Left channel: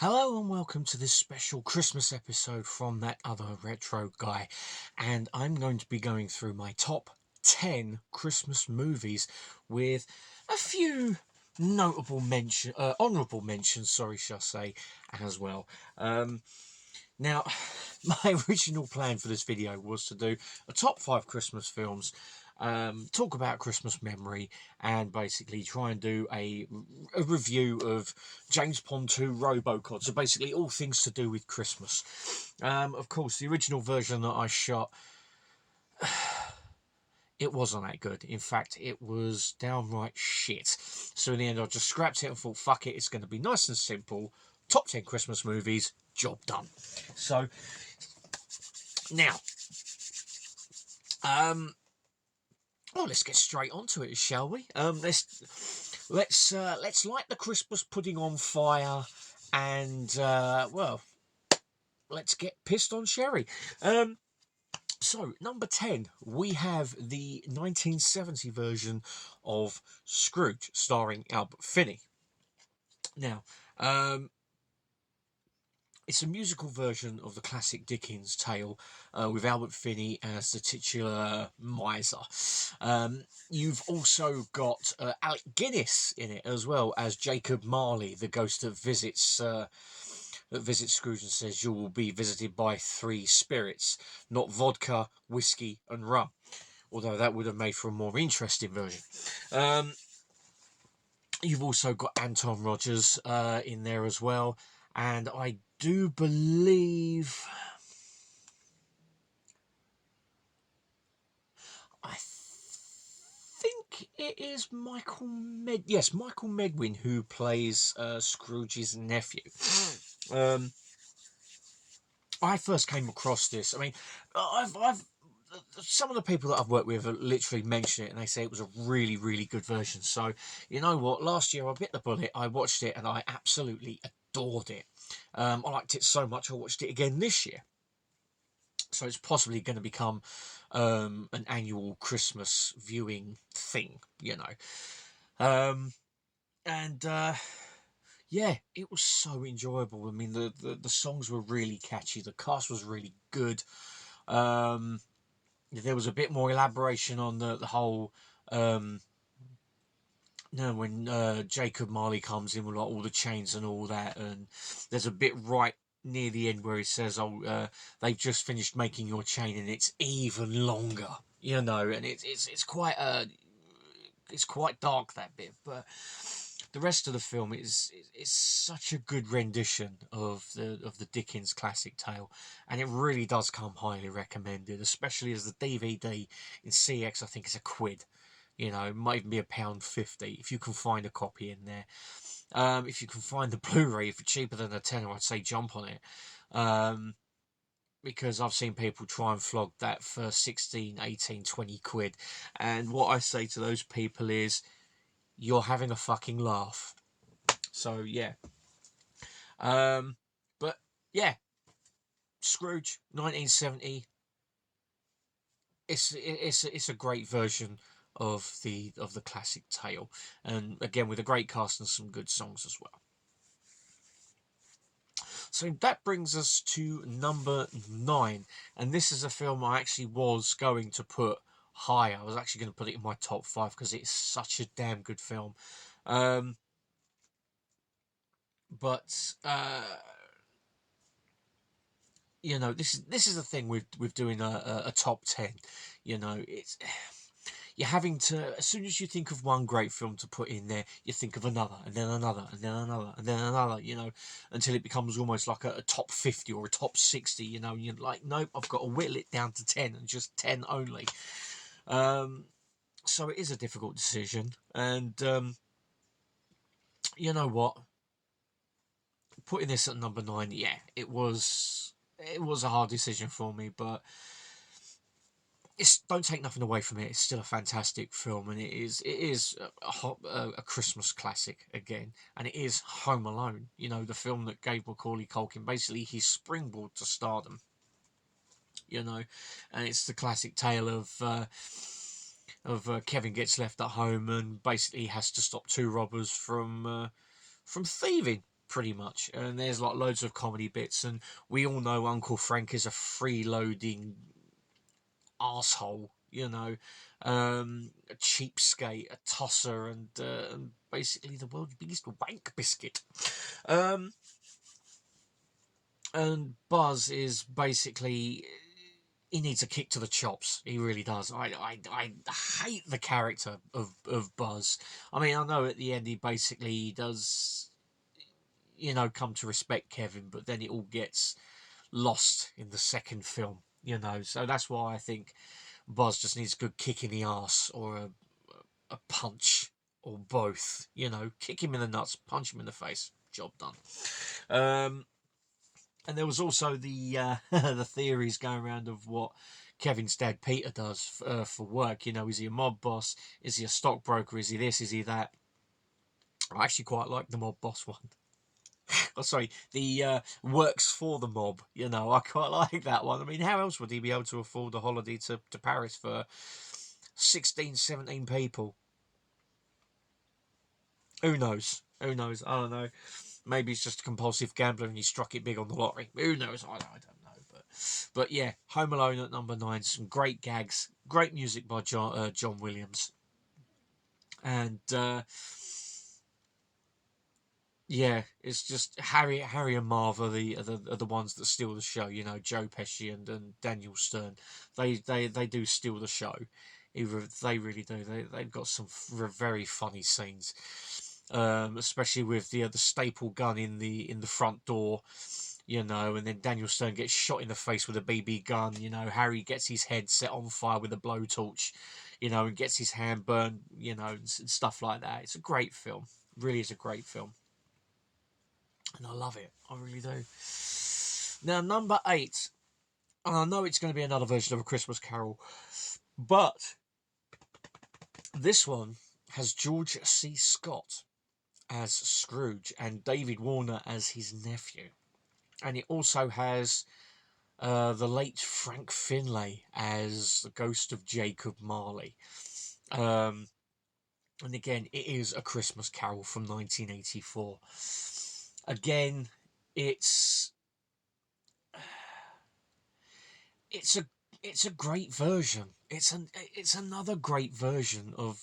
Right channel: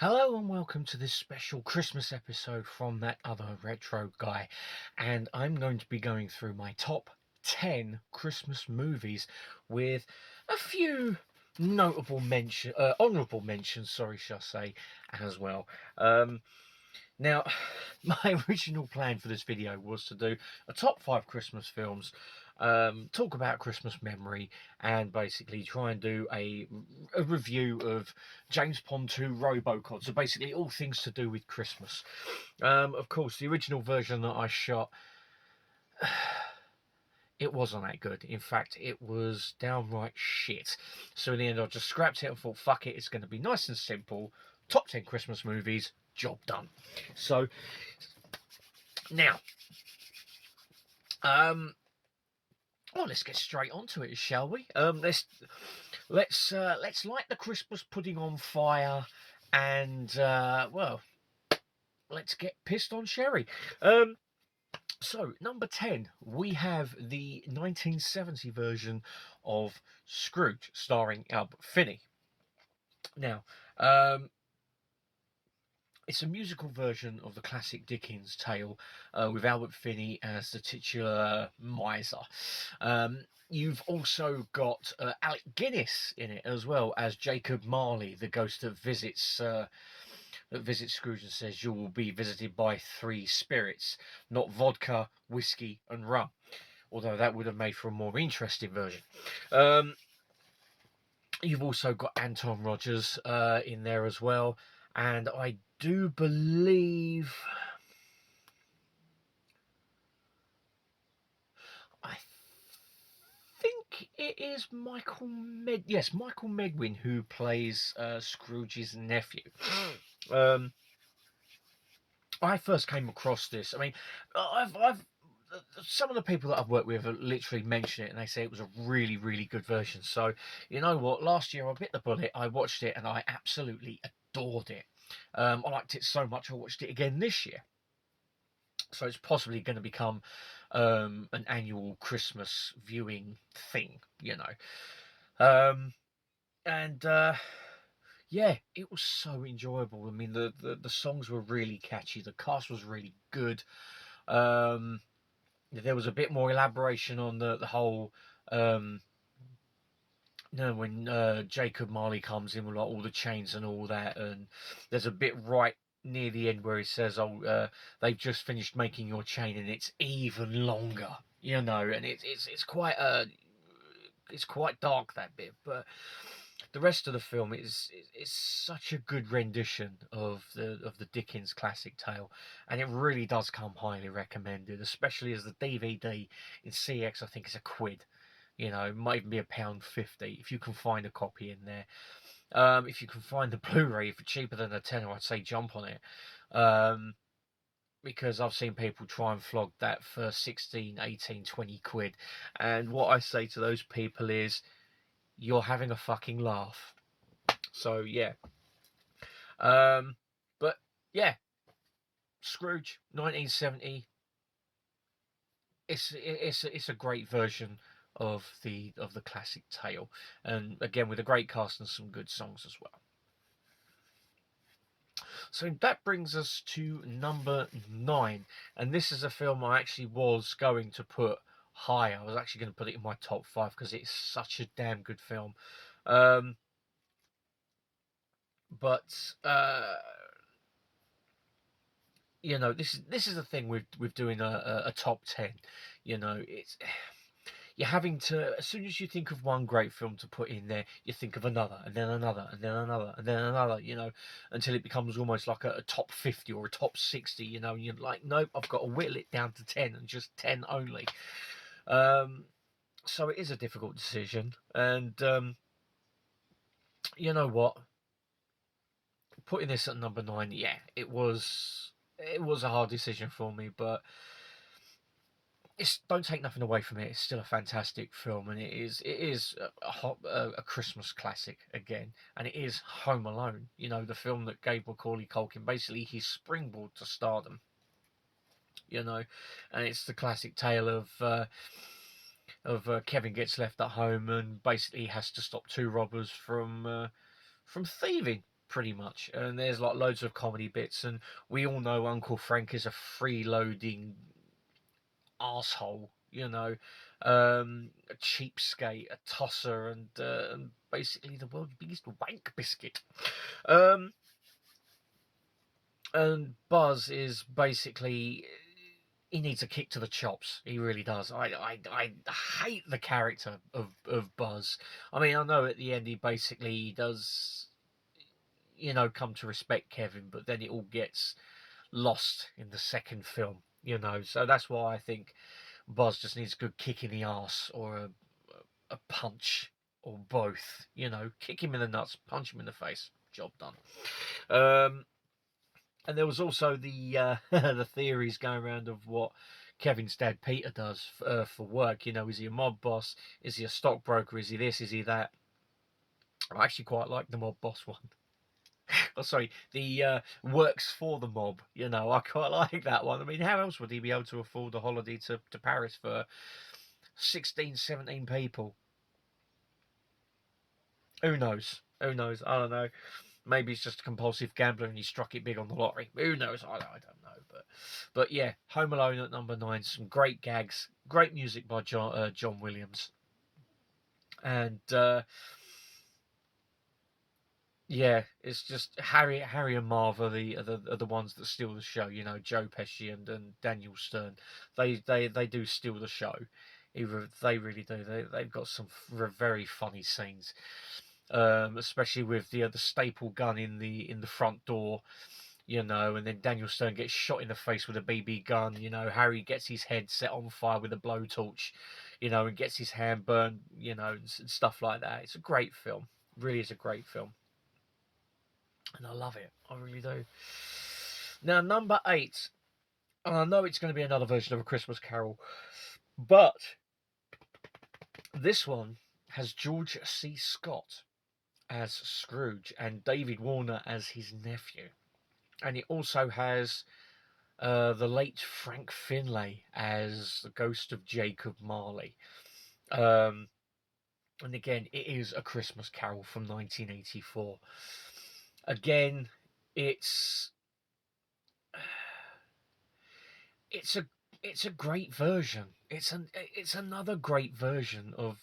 Hello and welcome to this special Christmas episode from that other retro guy. And I'm going to be going through my top 10 Christmas movies with a few honourable mentions, sorry, shall I say, as well. Now, my original plan for this video was to do a top 5 Christmas films, talk about Christmas memory, and basically try and do a review of James Bond 2 Robocod. So basically all things to do with Christmas. Of course, the original version that I shot, it wasn't that good. In fact, it was downright shit. So in the end, I just scrapped it and thought, fuck it, it's going to be nice and simple. Top 10 Christmas movies, job done. So now, well, let's get straight onto it, shall we? Let's light the Christmas pudding on fire, and well, let's get pissed on sherry. So number 10, we have the 1970 version of Scrooge, starring Albert Finney. Now, it's a musical version of the classic Dickens tale, with Albert Finney as the titular miser. You've also got Alec Guinness in it as well as Jacob Marley, the ghost that visits Scrooge and says, "You will be visited by three spirits, not vodka, whiskey, and rum." Although that would have made for a more interesting version. You've also got Anton Rogers in there as well, and I do believe, I think it is Michael Medwin who plays Scrooge's nephew. I first came across this. I mean, I've some of the people that I've worked with literally mention it, and they say it was a really, really good version. So, you know what? Last year I bit the bullet. I watched it, and I absolutely adored it. I liked it so much. I watched it again this year. So it's possibly going to become an annual Christmas viewing thing, you know. And yeah, it was so enjoyable. I mean, the songs were really catchy. The cast was really good. There was a bit more elaboration on the whole. When Jacob Marley comes in with like all the chains and all that, and there's a bit right near the end where he says, "Oh, they've just finished making your chain, and it's even longer." You know, and it's quite dark, that bit, but the rest of the film is such a good rendition of the Dickens classic tale, and it really does come highly recommended, especially as the DVD in CX. I think it's £1. You know, it might even be £1.50 if you can find a copy in there. If you can find the Blu-ray for cheaper than a tenner, I'd say jump on it. Because I've seen people try and flog that for 16, 18, 20 quid. And what I say to those people is, you're having a fucking laugh. So, yeah. But, yeah. Scrooge, 1970. It's a great version of the classic tale. And, again, with a great cast and some good songs as well. So that brings us to number 9, and this is a film I actually was going to put higher. I was actually going to put it in my top 5 because it's such a damn good film. But you know, this is the thing with doing a top 10. You know, it's you're having to, as soon as you think of one great film to put in there, you think of another, and then another, and then another, and then another, you know, until it becomes almost like a top 50 or a top 60, you know, and you're like, nope, I've got to whittle it down to 10 and just 10 only. So it is a difficult decision, and you know what? Putting this at number 9, yeah, it was a hard decision for me, but don't take nothing away from it. It's still a fantastic film, and it is a Christmas classic again, and it is Home Alone. You know, the film that gave Macaulay Culkin basically his springboard to stardom. You know, and it's the classic tale of Kevin gets left at home and basically has to stop two robbers from thieving. pretty much. And there's like loads of comedy bits, and we all know Uncle Frank is a freeloading asshole, you know, a cheapskate, a tosser, and basically the world's biggest wank biscuit. Um, and Buzz is basically, he needs a kick to the chops. He really does. I hate the character of Buzz. I mean, I know at the end he basically does, you know, come to respect Kevin, but then it all gets lost in the second film, you know. So that's why I think Buzz just needs a good kick in the arse, or a punch, or both. You know, kick him in the nuts, punch him in the face. Job done. And there was also the the theories going around of what Kevin's dad Peter does for work. You know, is he a mob boss? Is he a stockbroker? Is he this? Is he that? I actually quite like the mob boss one. Oh, sorry, the works for the mob. You know, I quite like that one. I mean, how else would he be able to afford a holiday to Paris for 16, 17 people? Who knows? Who knows? I don't know. Maybe he's just a compulsive gambler and he struck it big on the lottery. Who knows? I don't know. But yeah, Home Alone at number 9. Some great gags, great music by John Williams, and yeah, it's just Harry and Marv are the ones that steal the show. You know, Joe Pesci and Daniel Stern. They do steal the show. They really do. They've got some very funny scenes. Especially with the staple gun in the front door, you know, and then Daniel Stern gets shot in the face with a BB gun. You know, Harry gets his head set on fire with a blowtorch, you know, and gets his hand burned, you know, and stuff like that. It's a great film. Really is a great film, and I love it. I really do. Now, number 8, and I know it's going to be another version of A Christmas Carol, but this one has George C. Scott as Scrooge and David Warner as his nephew. And it also has the late Frank Finlay as the ghost of Jacob Marley. And again, it is A Christmas Carol from 1984. Again, it's a great version. It's another great version of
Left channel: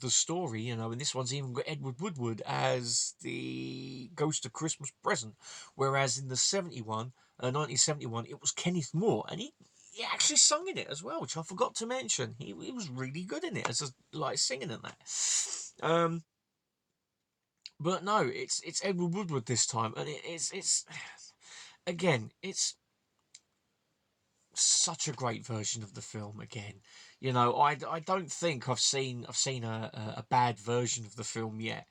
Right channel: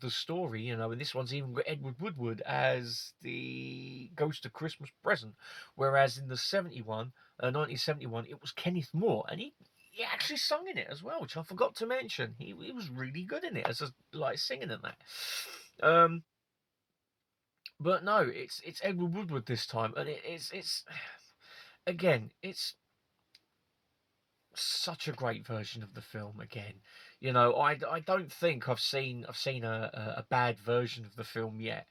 the story, you know. And this one's even got Edward Woodward as the Ghost of Christmas Present, whereas in the 1971, it was Kenneth Moore, and he actually sung in it as well, which I forgot to mention. He was really good in it as like singing in that. But no, it's Edward Woodward this time, and it's again, it's such a great version of the film again. You know, I don't think I've seen a bad version of the film yet.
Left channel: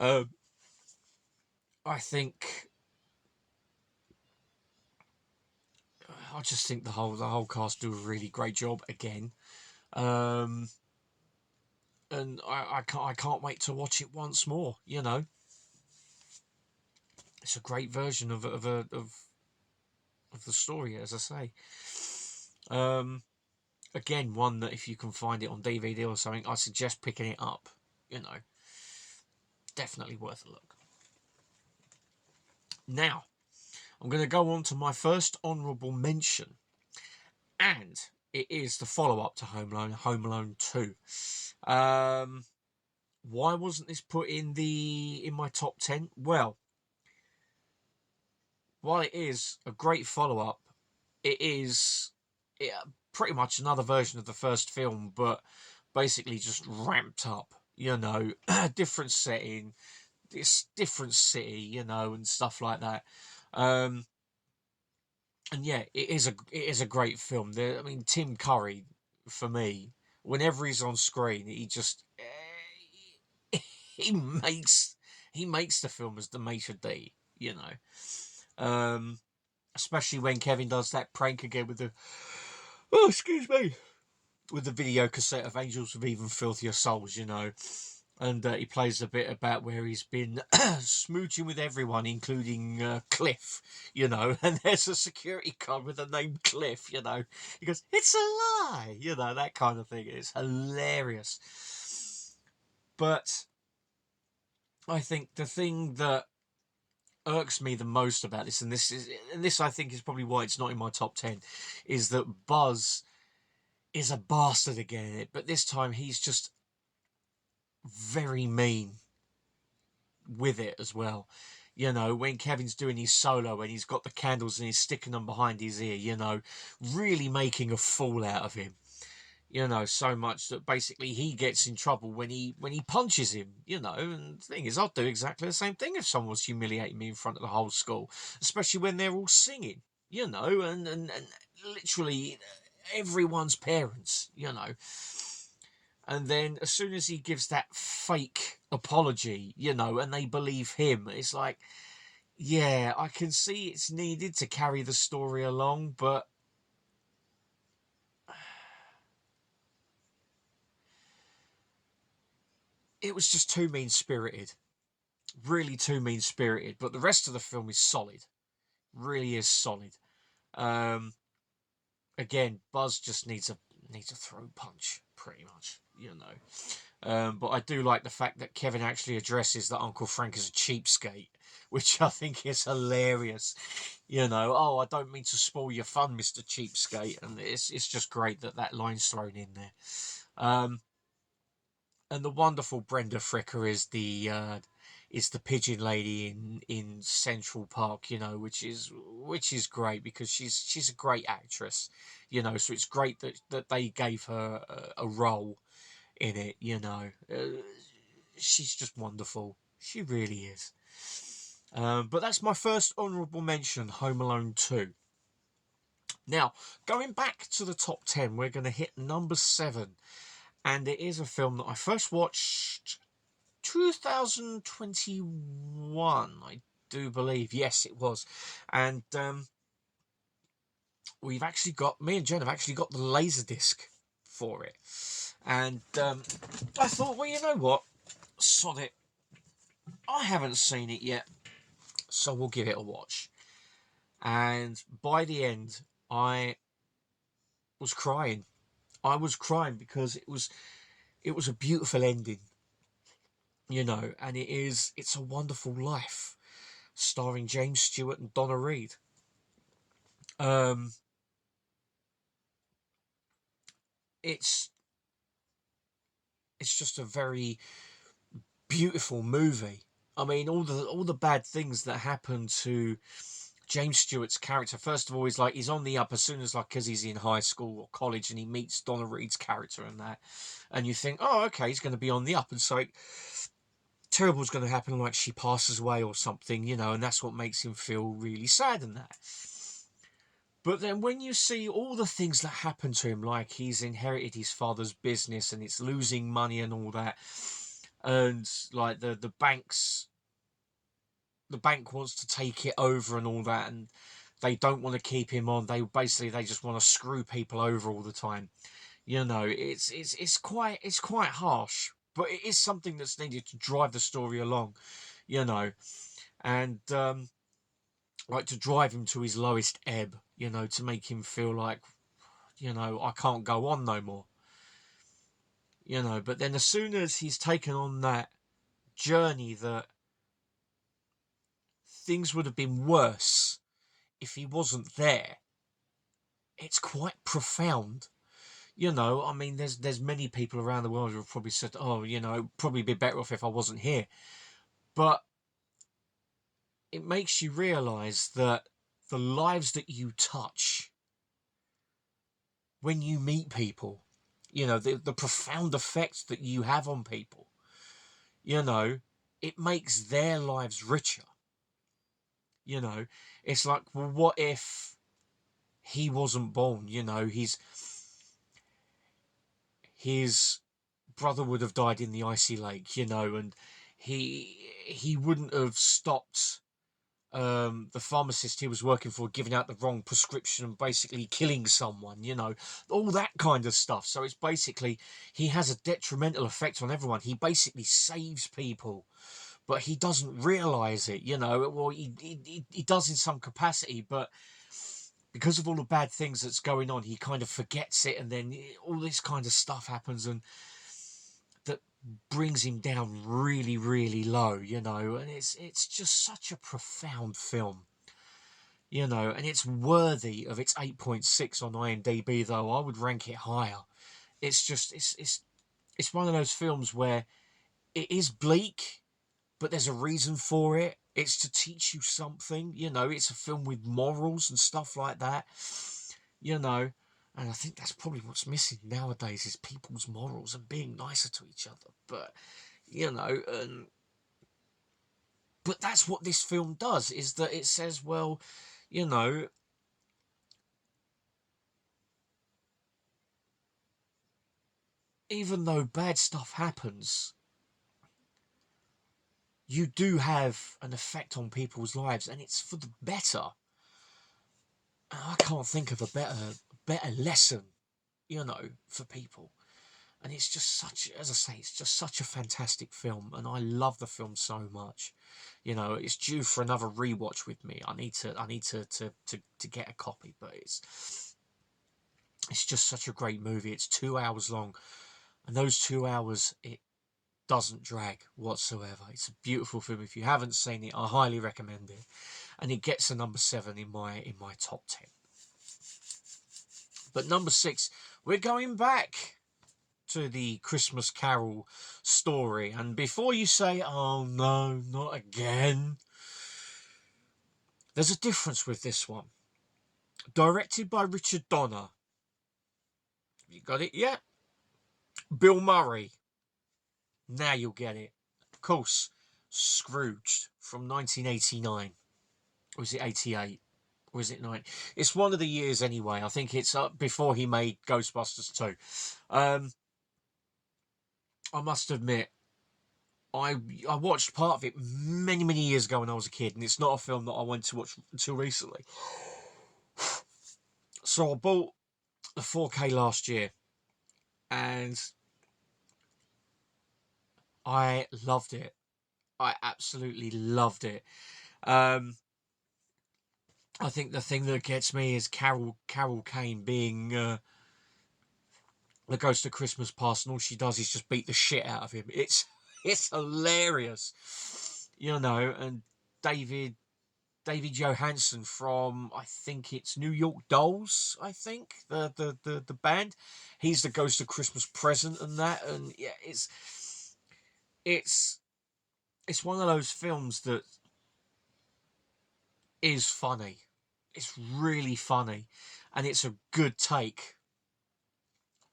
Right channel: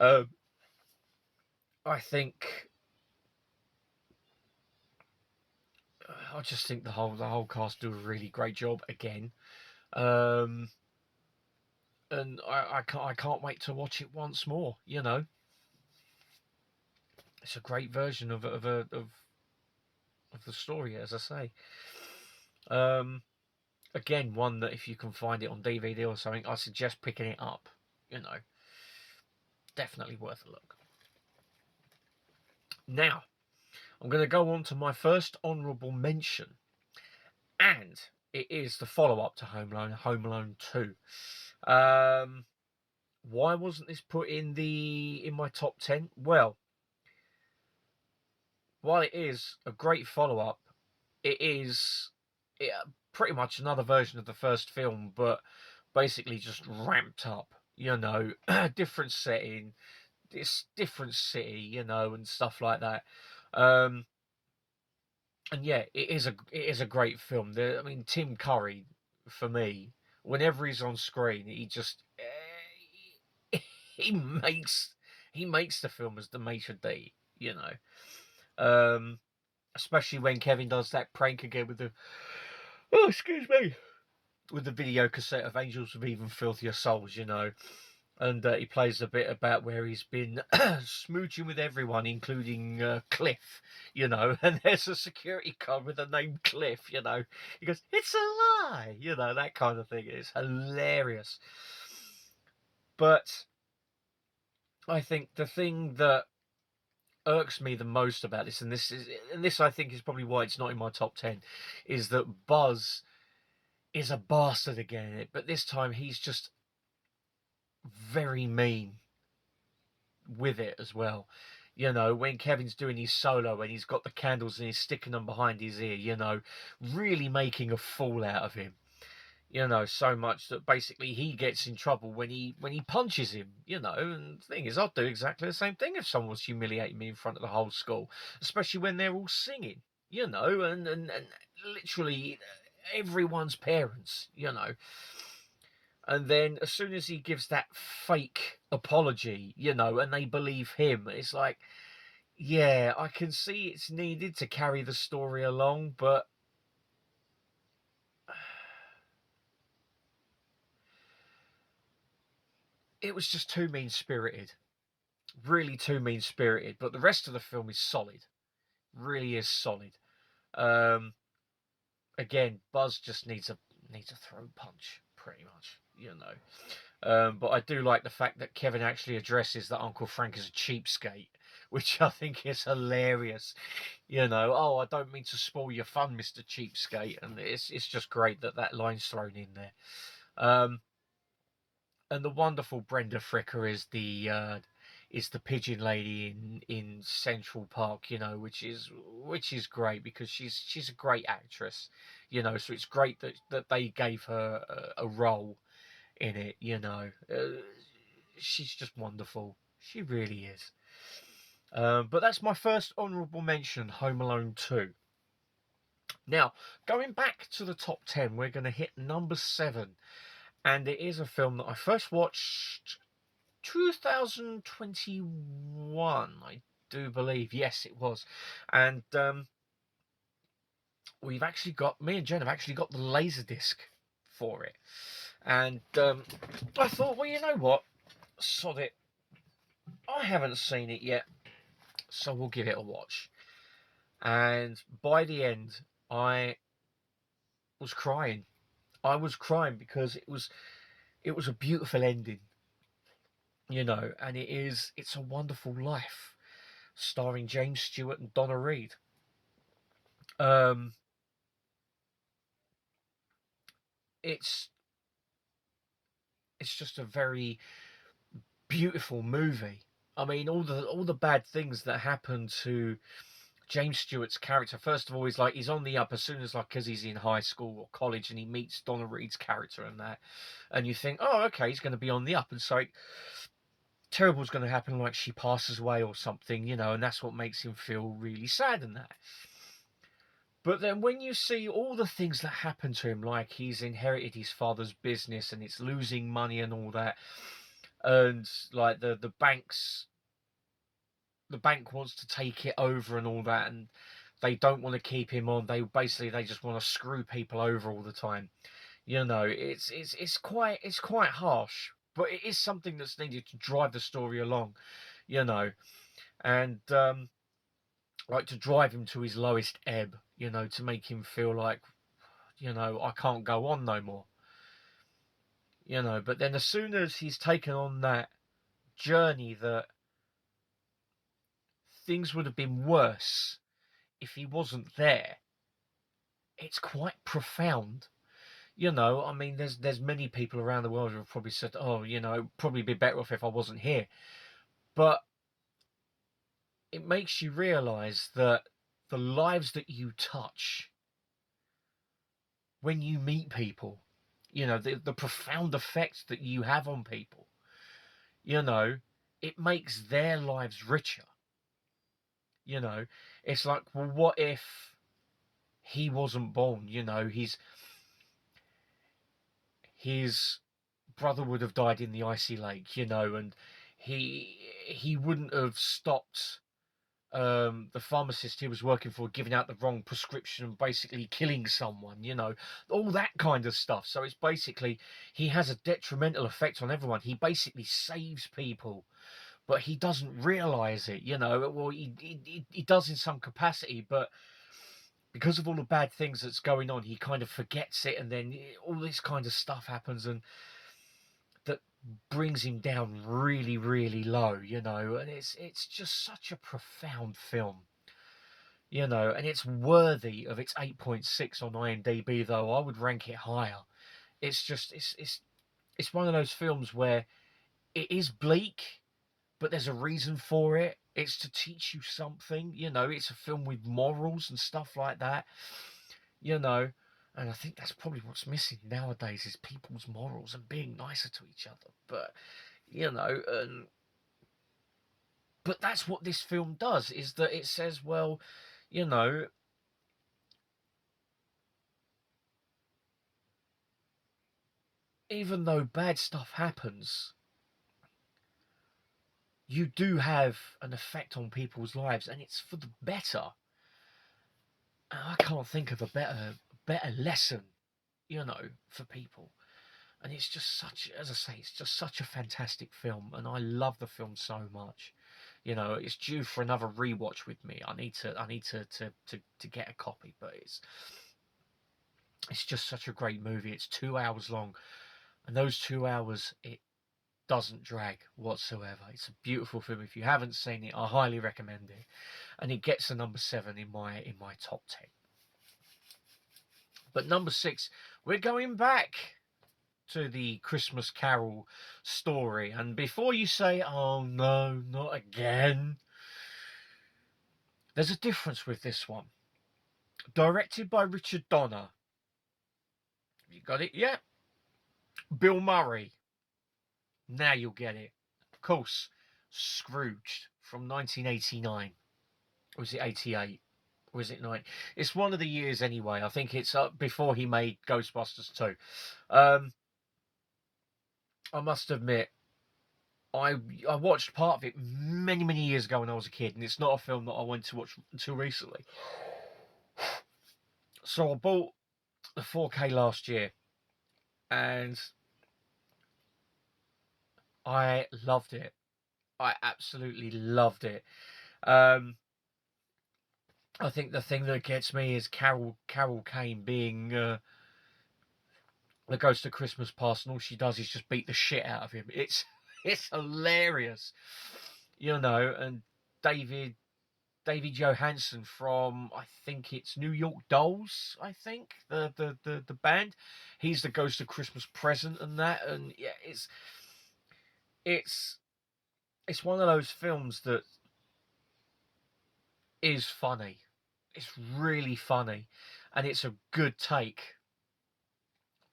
I think I just think the whole cast do a really great job again. And I can't wait to watch it once more, you know. It's a great version of the story, as I say. Again, one that if you can find it on DVD or something, I suggest picking it up. You know, definitely worth a look. Now, I'm going to go on to my first honourable mention, and it is the follow-up to Home Alone 2. Why wasn't this put in my top 10? Well, while it is a great follow-up, it is pretty much another version of the first film, but basically just ramped up. You know, different setting, this different city, you know, and stuff like that. And yeah, it is a great film. I mean, Tim Curry, for me, whenever he's on screen, he just he makes the film as the maitre d', you know. Especially when Kevin does that prank again with with the video cassette of Angels with Even Filthier Souls, you know. And he plays a bit about where he's been smooching with everyone, including Cliff, you know. And there's a security guard with the name Cliff, you know. He goes, "It's a lie," you know, that kind of thing. It's hilarious. But I think the thing that irks me the most about this, and this I think is probably why it's not in my top 10, is that Buzz is a bastard again in it, but this time he's just very mean with it as well. You know, when Kevin's doing his solo and he's got the candles and he's sticking them behind his ear, you know, really making a fool out of him. You know, so much that basically he gets in trouble when he punches him, you know. And the thing is, I'd do exactly the same thing if someone was humiliating me in front of the whole school, especially when they're all singing, you know, and literally everyone's parents, you know. And then as soon as he gives that fake apology, you know, and they believe him, it's like, yeah, I can see it's needed to carry the story along, but it was just too mean-spirited. Really too mean-spirited. But the rest of the film is solid. Really is solid. Um, Again, Buzz just needs a throat punch, pretty much, you know. But I do like the fact that Kevin actually addresses that Uncle Frank is a cheapskate, which I think is hilarious. You know, oh, I don't mean to spoil your fun, Mr. Cheapskate, and it's just great that that line's thrown in there. And the wonderful Brenda Fricker is the pigeon lady in Central Park, you know, which is great because she's a great actress, you know. So it's great that they gave her a role in it, you know. She's just wonderful. She really is. But that's my first honourable mention, Home Alone 2. Now, going back to the top 10, we're going to hit number 7. And it is a film that I first watched 2021, I do believe. Yes, it was. And we've actually got, me and Jen have actually got the Laserdisc for it. And I thought, well, you know what? Sod it. I haven't seen it yet, so we'll give it a watch. And by the end, I was crying. I was crying because it was a beautiful ending, you know, and it's a Wonderful Life, starring James Stewart and Donna Reed. It's just a very beautiful movie. I mean, all the bad things that happen to James Stewart's character. First of all, he's on the up as soon as, like, because he's in high school or college and he meets Donna Reed's character and that, and you think, oh, okay, he's going to be on the up, and so terrible's going to happen, like she passes away or something, you know, and that's what makes him feel really sad and that. But then when you see all the things that happen to him, like he's inherited his father's business and it's losing money and all that, and like the bank wants to take it over and all that, and they don't want to keep him on. They just want to screw people over all the time. You know, it's quite harsh, but it is something that's needed to drive the story along. You know, and like to drive him to his lowest ebb, you know, to make him feel like, you know, I can't go on no more. You know, but then as soon as he's taken on that journey, that things would have been worse if he wasn't there, it's quite profound. You know, I mean, there's many people around the world who have probably said, oh, you know, probably be better off if I wasn't here. But it makes you realise that the lives that you touch when you meet people, you know, the profound effects that you have on people, you know, it makes their lives richer. You know, it's like, well, what if he wasn't born? You know, his brother would have died in the icy lake, you know, and he wouldn't have stopped the pharmacist he was working for giving out the wrong prescription and basically killing someone, you know, all that kind of stuff. So it's basically, he has a detrimental effect on everyone. He basically saves people, but he doesn't realize it, you know. Well, he does in some capacity, but because of all the bad things that's going on, he kind of forgets it, and then all this kind of stuff happens, and that brings him down really, really low, you know, and it's just such a profound film, you know, and it's worthy of its 8.6 on IMDb, though I would rank it higher. It's just it's one of those films where it is bleak, but there's a reason for it. It's to teach you something, you know, it's a film with morals and stuff like that, you know. And I think that's probably what's missing nowadays is people's morals and being nicer to each other. But, you know, but that's what this film does, is that it says, well, you know, even though bad stuff happens, you do have an effect on people's lives, and it's for the better. I can't think of a better lesson, you know, for people. And it's just such, as I say, it's just such a fantastic film, and I love the film so much. You know, it's due for another rewatch with me. I need to get a copy, but it's just such a great movie. It's 2 hours long, and those 2 hours, it doesn't drag whatsoever. It's a beautiful film. If you haven't seen it, I highly recommend it. And it gets a number 7 in my top 10. But number 6, we're going back to the Christmas Carol story. And before you say, oh no, not again, there's a difference with this one. Directed by Richard Donner. You got it yet? Bill Murray. Now you'll get it. Of course, Scrooged from 1989. Or was it 88? Or was it 9? It's one of the years anyway. I think it's before he made Ghostbusters 2. I must admit, I watched part of it many, many years ago when I was a kid, and it's not a film that I went to watch until recently. So I bought the 4K last year, and I loved it. I absolutely loved it. I think the thing that gets me is Carol Kane being the Ghost of Christmas Past, and all she does is just beat the shit out of him. It's hilarious, you know. And David Johansen from, I think it's New York Dolls, I think the band. He's the Ghost of Christmas Present and that, and yeah, it's one of those films that is funny. It's really funny, and it's a good take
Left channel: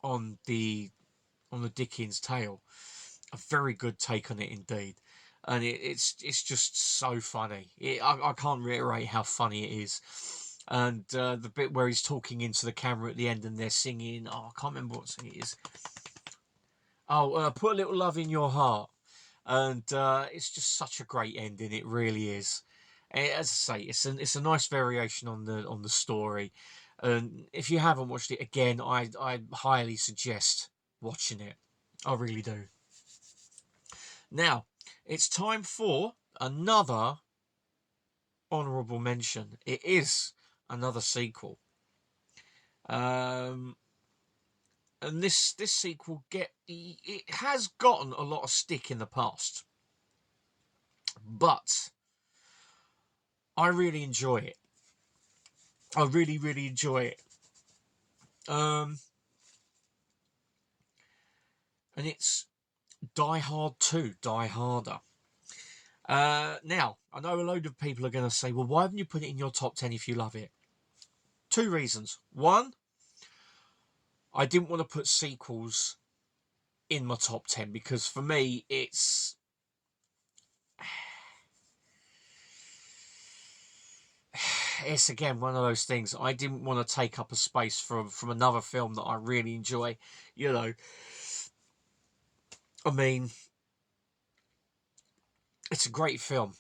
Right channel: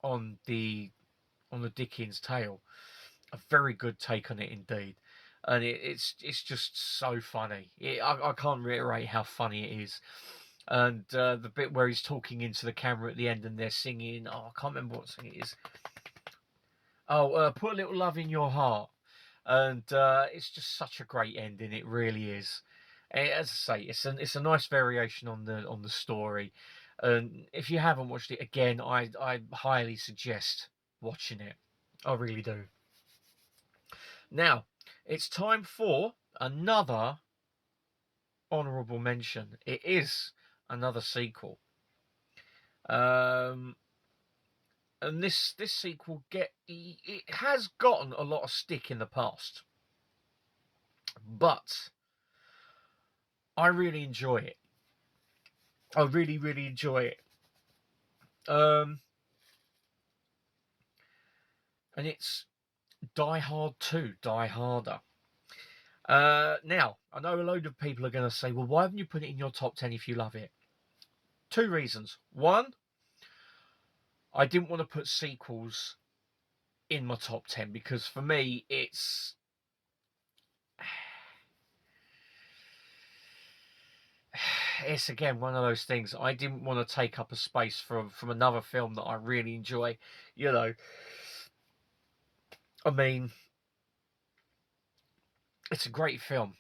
on the Dickens tale. A very good take on it indeed, and it's just so funny. I can't reiterate how funny it is. And the bit where he's talking into the camera at the end and they're singing, oh, I can't remember what song it is. Oh, Put a Little Love in Your Heart. And it's just such a great ending. It really is. As I say, it's a nice variation on the story. And if you haven't watched it again, I highly suggest watching it. I really do. Now, it's time for another honourable mention. It is another sequel. And this sequel it has gotten a lot of stick in the past, but I really enjoy it. I really, really enjoy it. And it's Die Hard 2, Die Harder. Now, I know a load of people are going to say, well, why haven't you put it in your top 10 if you love it? 2 reasons. One, I didn't want to put sequels in my top 10 because for me, it's again one of those things. I didn't want to take up a space from another film that I really enjoy. You know, I mean, it's a great film.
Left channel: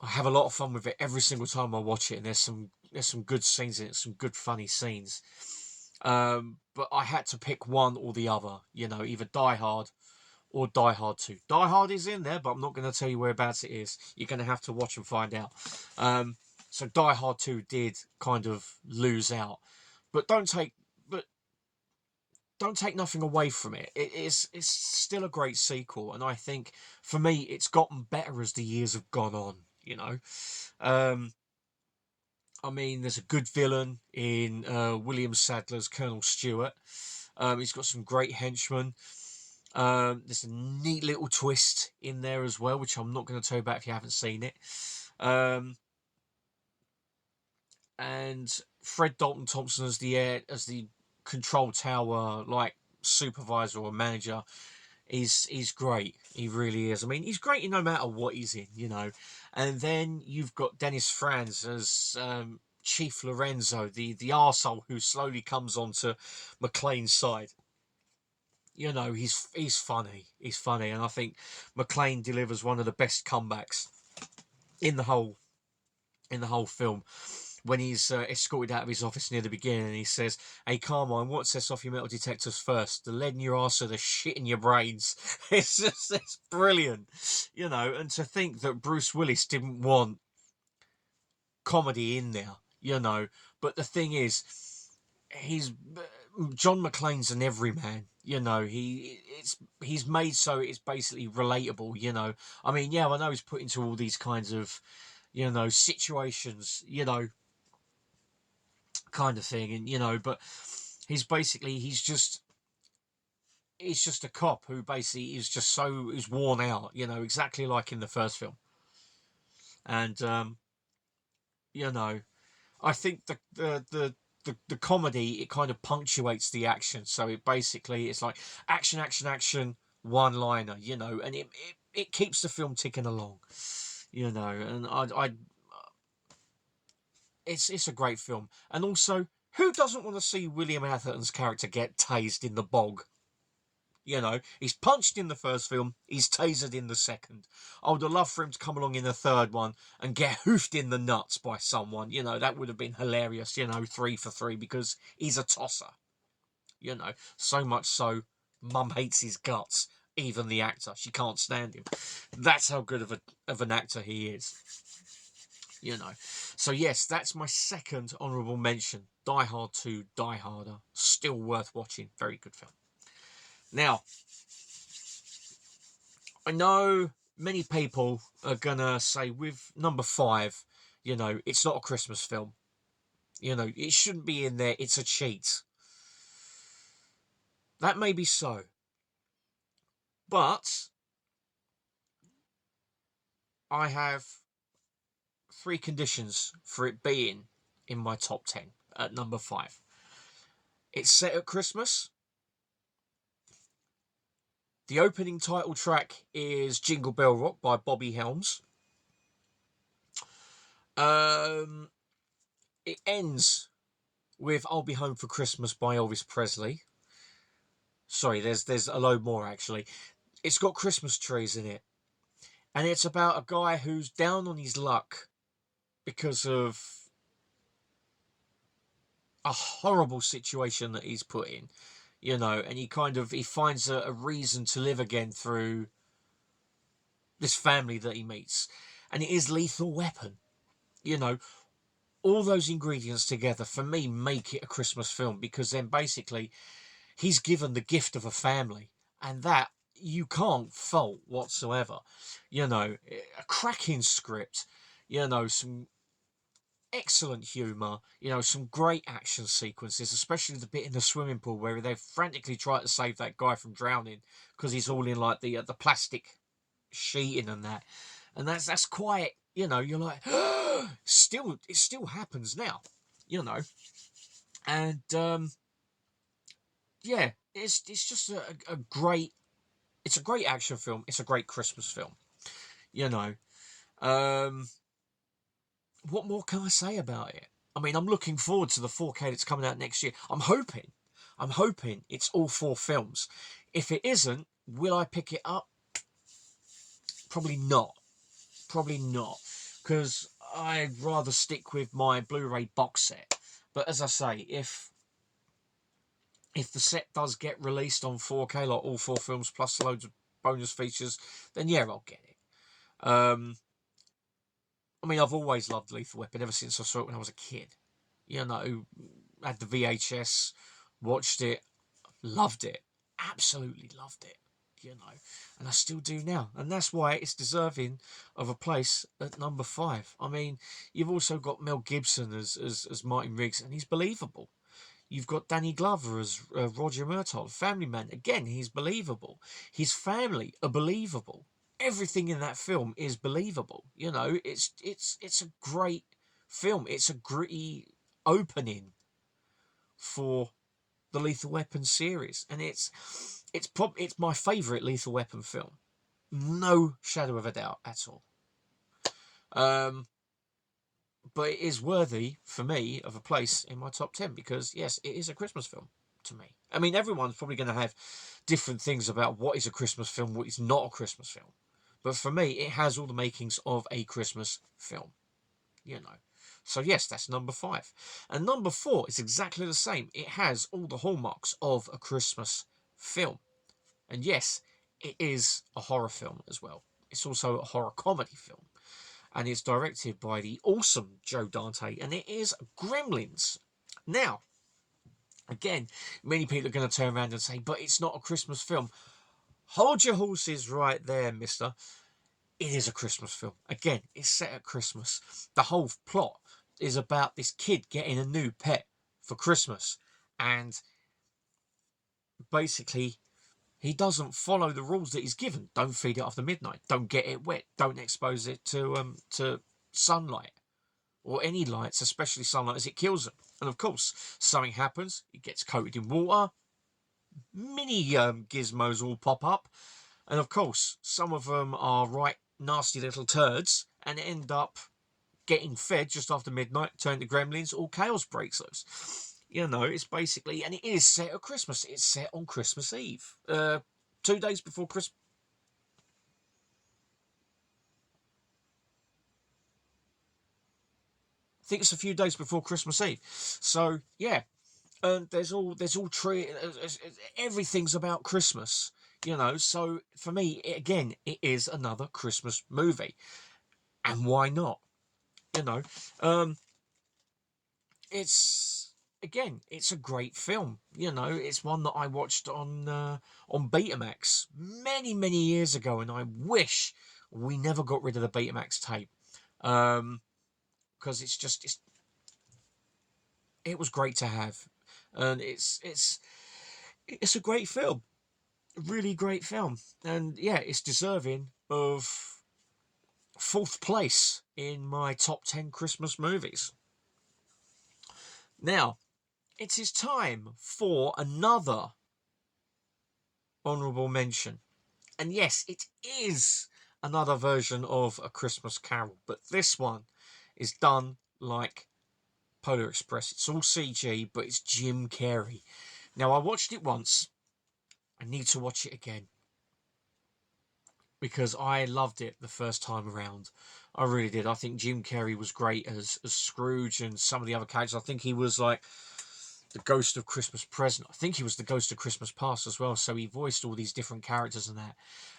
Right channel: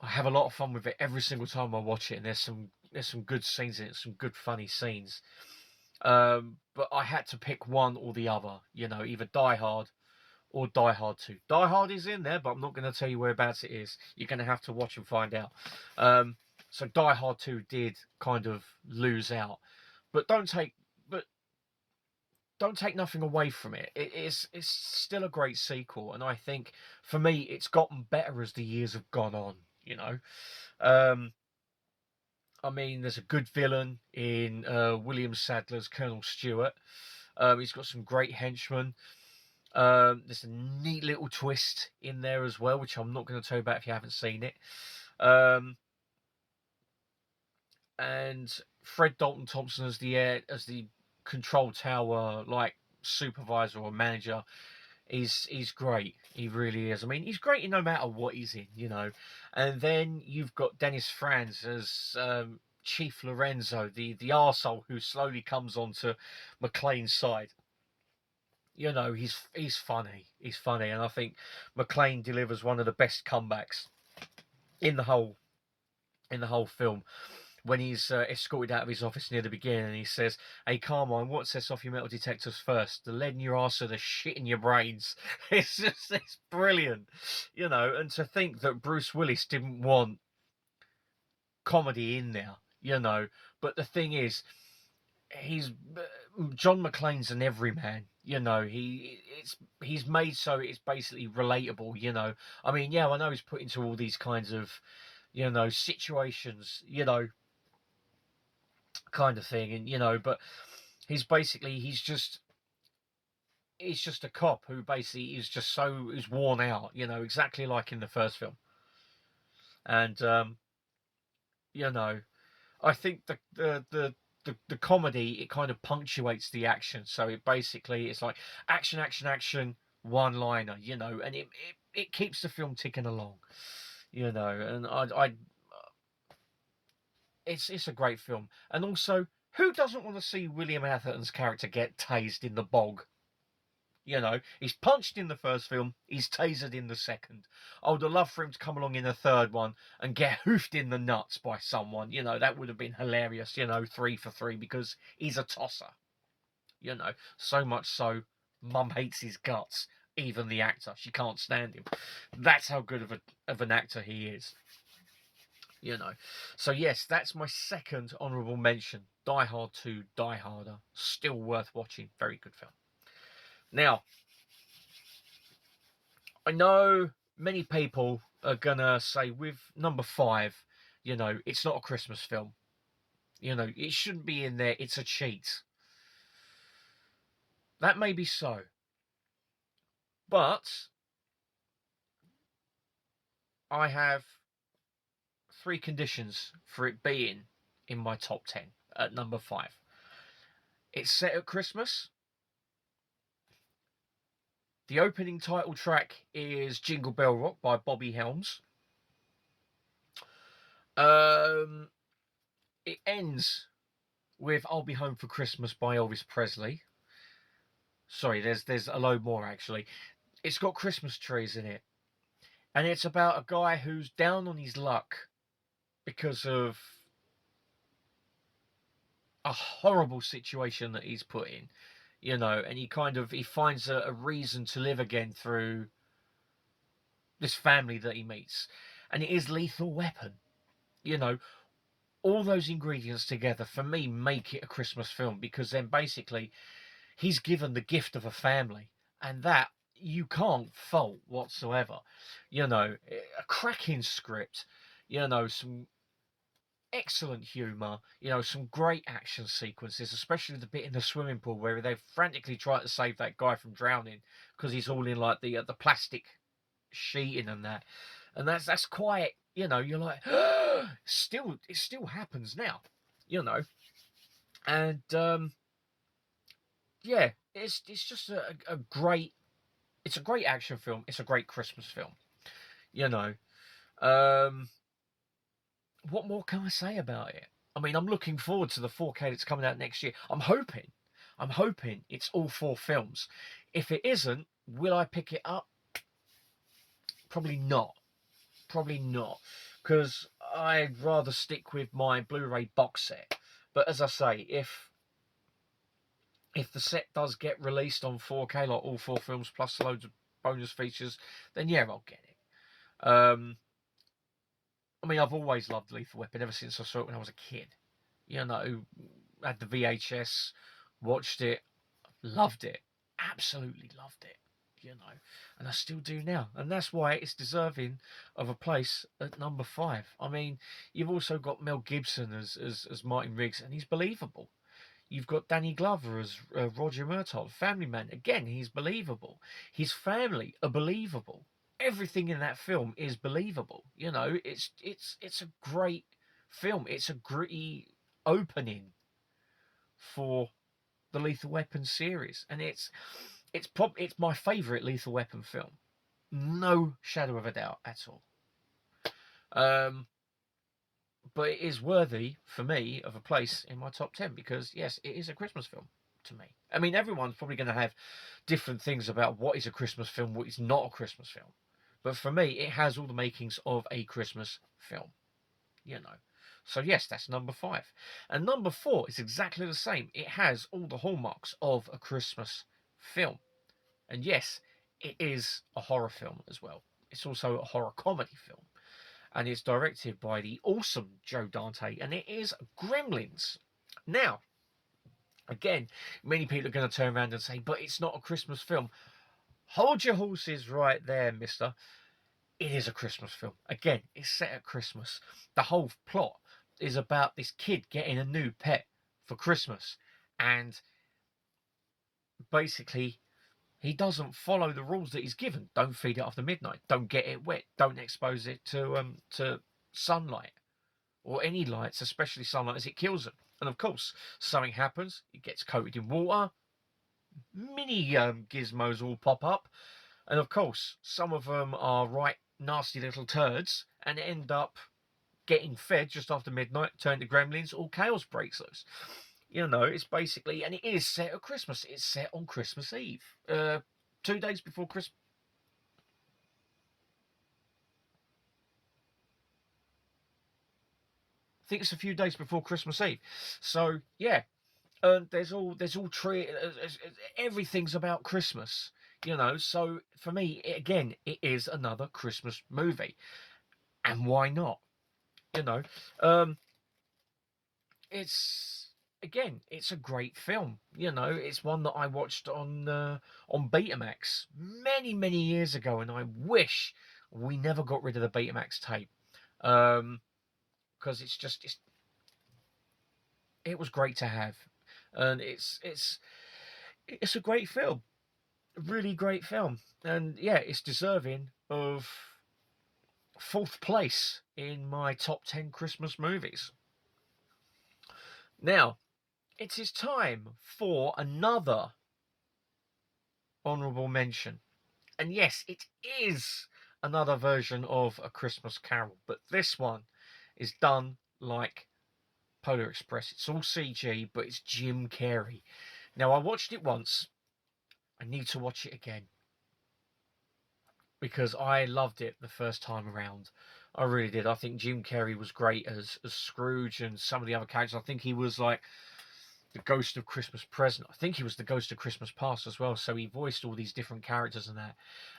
I have a lot of fun with it every single time I watch it, and there's some good scenes in it, some good funny scenes. But I had to pick one or the other. You know, either Die Hard or Die Hard 2. Die Hard is in there, but I'm not going to tell you whereabouts it is. You're going to have to watch and find out. So Die Hard 2 did kind of lose out. But don't take nothing away from it. It's still a great sequel, and I think for me it's gotten better as the years have gone on. You know, um, I mean, there's a good villain in William Sadler's Colonel Stewart. He's got some great henchmen. There's a neat little twist in there as well, which I'm not going to tell you about if you haven't seen it. Um, and Fred Dalton Thompson as the control tower like supervisor or manager he's great. He really is. I mean, he's great no matter what he's in, you know. And then you've got Dennis Franz as Chief Lorenzo, the arsehole who slowly comes onto McClane's side. You know, he's funny. He's funny, and I think McClane delivers one of the best comebacks in the whole film when he's escorted out of his office near the beginning and he says, "Hey, Carmine, what sets off your metal detectors first? The lead in your arse or the shit in your brains?" It's brilliant, you know. And to think that Bruce Willis didn't want comedy in there, you know. But the thing is, he's John McClane's an everyman, you know. He's made so it's basically relatable, you know. I mean, yeah, I know he's put into all these kinds of, you know, situations, you know, kind of thing, and you know, but he's just a cop who basically is worn out, you know, exactly like in the first film. And you know, I think the comedy, it kind of punctuates the action, so it's like action, action, action, one liner, you know, and it keeps the film ticking along, you know. And I it's a great film. And also, who doesn't want to see William Atherton's character get tased in the bog? You know, he's punched in the first film, he's tasered in the second. I would have loved for him to come along in the third one and get hoofed in the nuts by someone. You know, that would have been hilarious, you know, 3 for 3, because he's a tosser. You know, so much so, Mum hates his guts. Even the actor, she can't stand him. That's how good of an actor he is. You know, so yes, that's my second honourable mention. Die Hard 2, Die Harder, still worth watching. Very good film. Now, I know many people are gonna say with number 5, you know, it's not a Christmas film. You know, it shouldn't be in there. It's a cheat. That may be so, but I have 3 conditions for it being in my top 10 at number 5. It's set at Christmas. The opening title track is Jingle Bell Rock by Bobby Helms. It ends with I'll Be Home for Christmas by Elvis Presley. Sorry, there's a load more actually. It's got Christmas trees in it. And it's about a guy who's down on his luck because of a horrible situation that he's put in, you know, and he finds a reason to live again through this family that he meets. And it is Lethal Weapon. You know, all those ingredients together for me make it a Christmas film, because then basically he's given the gift of a family, and that you can't fault whatsoever. You know, a cracking script, you know, some excellent humour, you know, some great action sequences, especially the bit in the swimming pool where they frantically try to save that guy from drowning because he's all in like the plastic sheeting and that. And that's quite, you know, you're like, it still happens now, you know. And yeah, it's just a great, it's a great action film. It's a great Christmas film, you know. Um, what more can I say about it? I mean, I'm looking forward to the 4K that's coming out next year. I'm hoping it's all 4 films. If it isn't, will I pick it up? Probably not. Probably not, because I'd rather stick with my Blu-ray box set. But as I say, if the set does get released on 4K, like all 4 films plus loads of bonus features, then yeah, I'll get it. I mean, I've always loved Lethal Weapon ever since I saw it when I was a kid. You know, had the VHS, watched it, loved it. Absolutely loved it. You know, and I still do now. And that's why it's deserving of a place at number 5. I mean, you've also got Mel Gibson as Martin Riggs, and he's believable. You've got Danny Glover as Roger Murtaugh, Family Man. Again, he's believable. His family are believable. Everything in that film is believable. You know, it's a great film. It's a gritty opening for the Lethal Weapon series, and it's my favourite Lethal Weapon film, no shadow of a doubt at all. But it is worthy for me of a place in my top 10 because yes, it is a Christmas film to me. I mean, everyone's probably going to have different things about what is a Christmas film, what is not a Christmas film. But for me, it has all the makings of a Christmas film, you know. So yes, that's number 5. And number 4 is exactly the same. It has all the hallmarks of a Christmas film. And yes, it is a horror film as well. It's also a horror comedy film. And it's directed by the awesome Joe Dante. And it is Gremlins. Now, again, many people are going to turn around and say, but it's not a Christmas film. Hold your horses right there, mister. It is a Christmas film. Again, it's set at Christmas. The whole plot is about this kid getting a new pet for Christmas. And basically, he doesn't follow the rules that he's given. Don't feed it after midnight. Don't get it wet. Don't expose it to sunlight or any lights, especially sunlight, as it kills them. And of course, something happens. It gets coated in water. Mini gizmos all pop up. And of course, some of them are right nasty little turds and end up getting fed just after midnight, turn to gremlins, all chaos breaks loose. You know, it's basically, and it is set at Christmas. It's set on Christmas Eve. 2 days before Christmas. I think it's a few days before Christmas Eve. So, yeah. There's all tree, everything's about Christmas, you know. So for me, again, it is another Christmas movie, and why not? You know, it's it's a great film. You know, it's one that I watched on Betamax many years ago, and I wish we never got rid of the Betamax tape, because it was great to have, and it's a great film, really great film, and yeah, it's deserving of 4th place in my top 10 Christmas movies. Now, it is time for another honourable mention. And yes, it is another version of A Christmas Carol, but this one is done like Polar Express. It's all CG, but it's Jim Carrey. Now, I watched it once. I need to watch it again because I loved it the first time around. I really did. I think Jim Carrey was great as Scrooge and some of the other characters. I think he was like the Ghost of Christmas Present. I think he was the Ghost of Christmas Past as well. So he voiced all these different characters and that.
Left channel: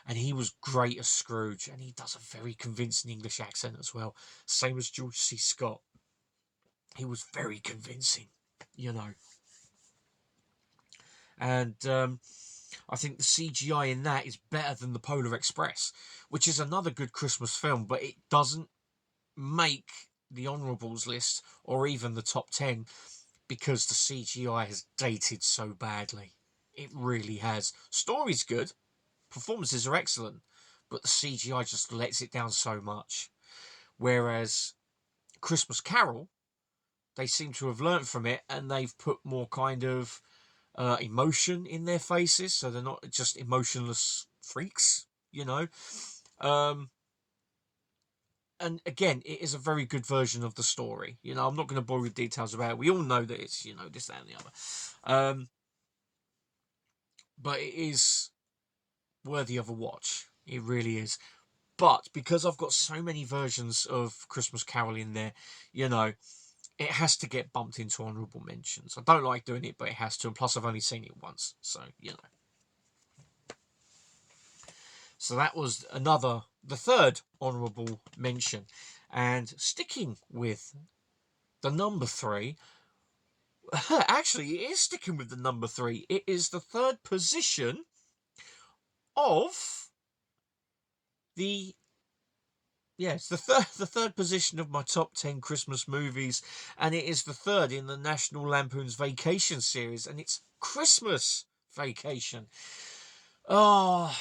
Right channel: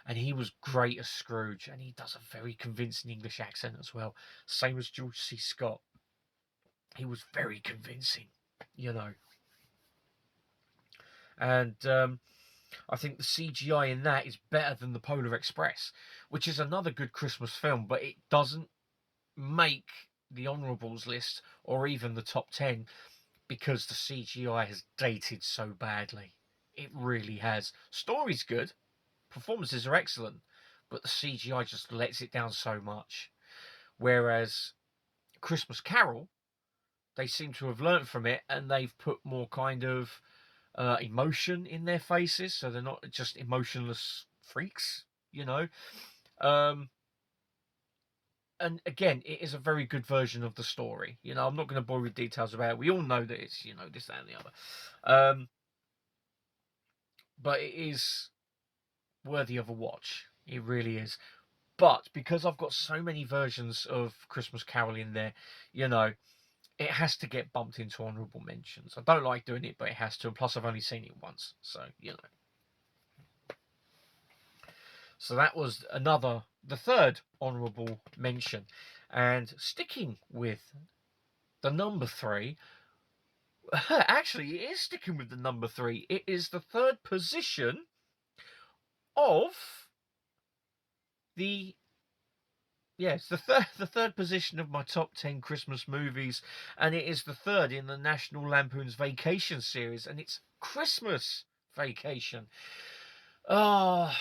And he was great as Scrooge. And he does a very convincing English accent as well. Same as George C. Scott. He was very convincing, you know. And I think the CGI in that is better than the Polar Express, which is another good Christmas film, but it doesn't make the honourables list or even the top 10 because the CGI has dated so badly. It really has. Story's good, performances are excellent, but the CGI just lets it down so much. Whereas Christmas Carol, they seem to have learnt from it and they've put more kind of emotion in their faces, so they're not just emotionless freaks, you know. And again, it is a very good version of the story. You know, I'm not going to bore you with details about it. We all know that it's, you know, this, that, and the other. But it is worthy of a watch. It really is. But because I've got so many versions of Christmas Carol in there, you know, it has to get bumped into honourable mentions. I don't like doing it, but it has to. And plus, I've only seen it once. So, you know. So that was the third honourable mention. And sticking with the number 3, Actually, it is sticking with the number 3. It is the third position of the it's the third position of my top 10 Christmas movies, and it is the third in the National Lampoon's Vacation series, and it's Christmas Vacation. Oh,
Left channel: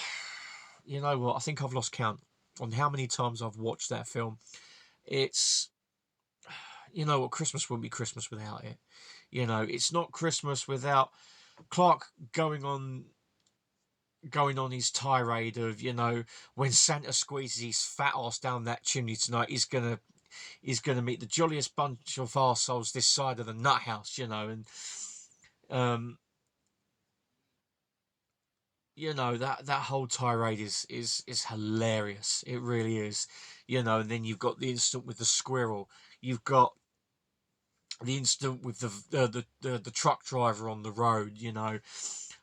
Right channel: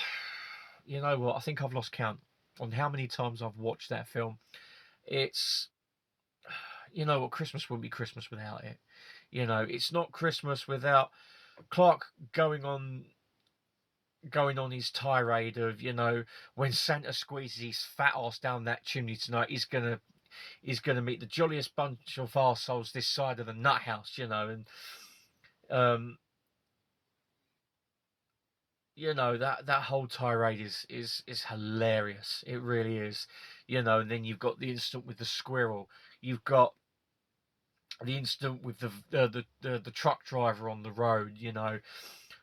you know what? I think I've lost count on how many times I've watched that film. It's, you know what? Christmas wouldn't be Christmas without it. You know, it's not Christmas without Clark going on his tirade of, when Santa squeezes his fat ass down that chimney tonight, he's gonna meet the jolliest bunch of arseholes this side of the nut house, and um, that whole tirade is hilarious. It really is, and then you've got the incident with the squirrel. You've got the incident with the truck driver on the road.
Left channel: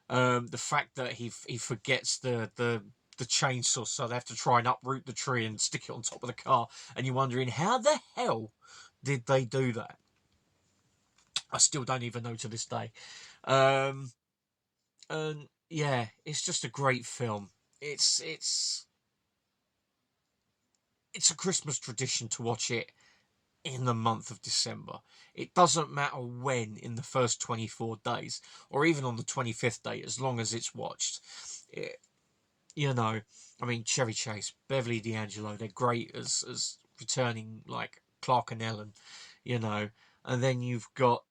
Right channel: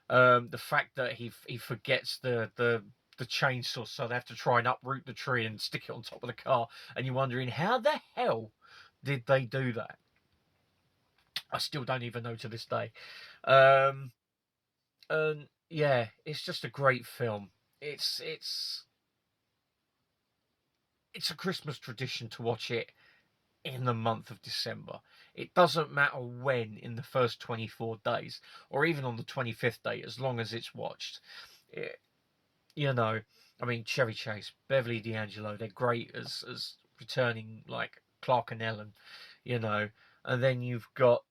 The fact that he forgets the chainsaw, so they have to try and uproot the tree and stick it on top of the car, and you're wondering how the hell did they do that. I still don't even know to this day. And yeah, it's just a great film. It's a Christmas tradition to watch it in the month of December. It doesn't matter when in the first 24 days, or even on the 25th day, as long as it's watched. It, I mean, Chevy Chase, Beverly D'Angelo, they're great as returning, like Clark and Ellen, and then you've got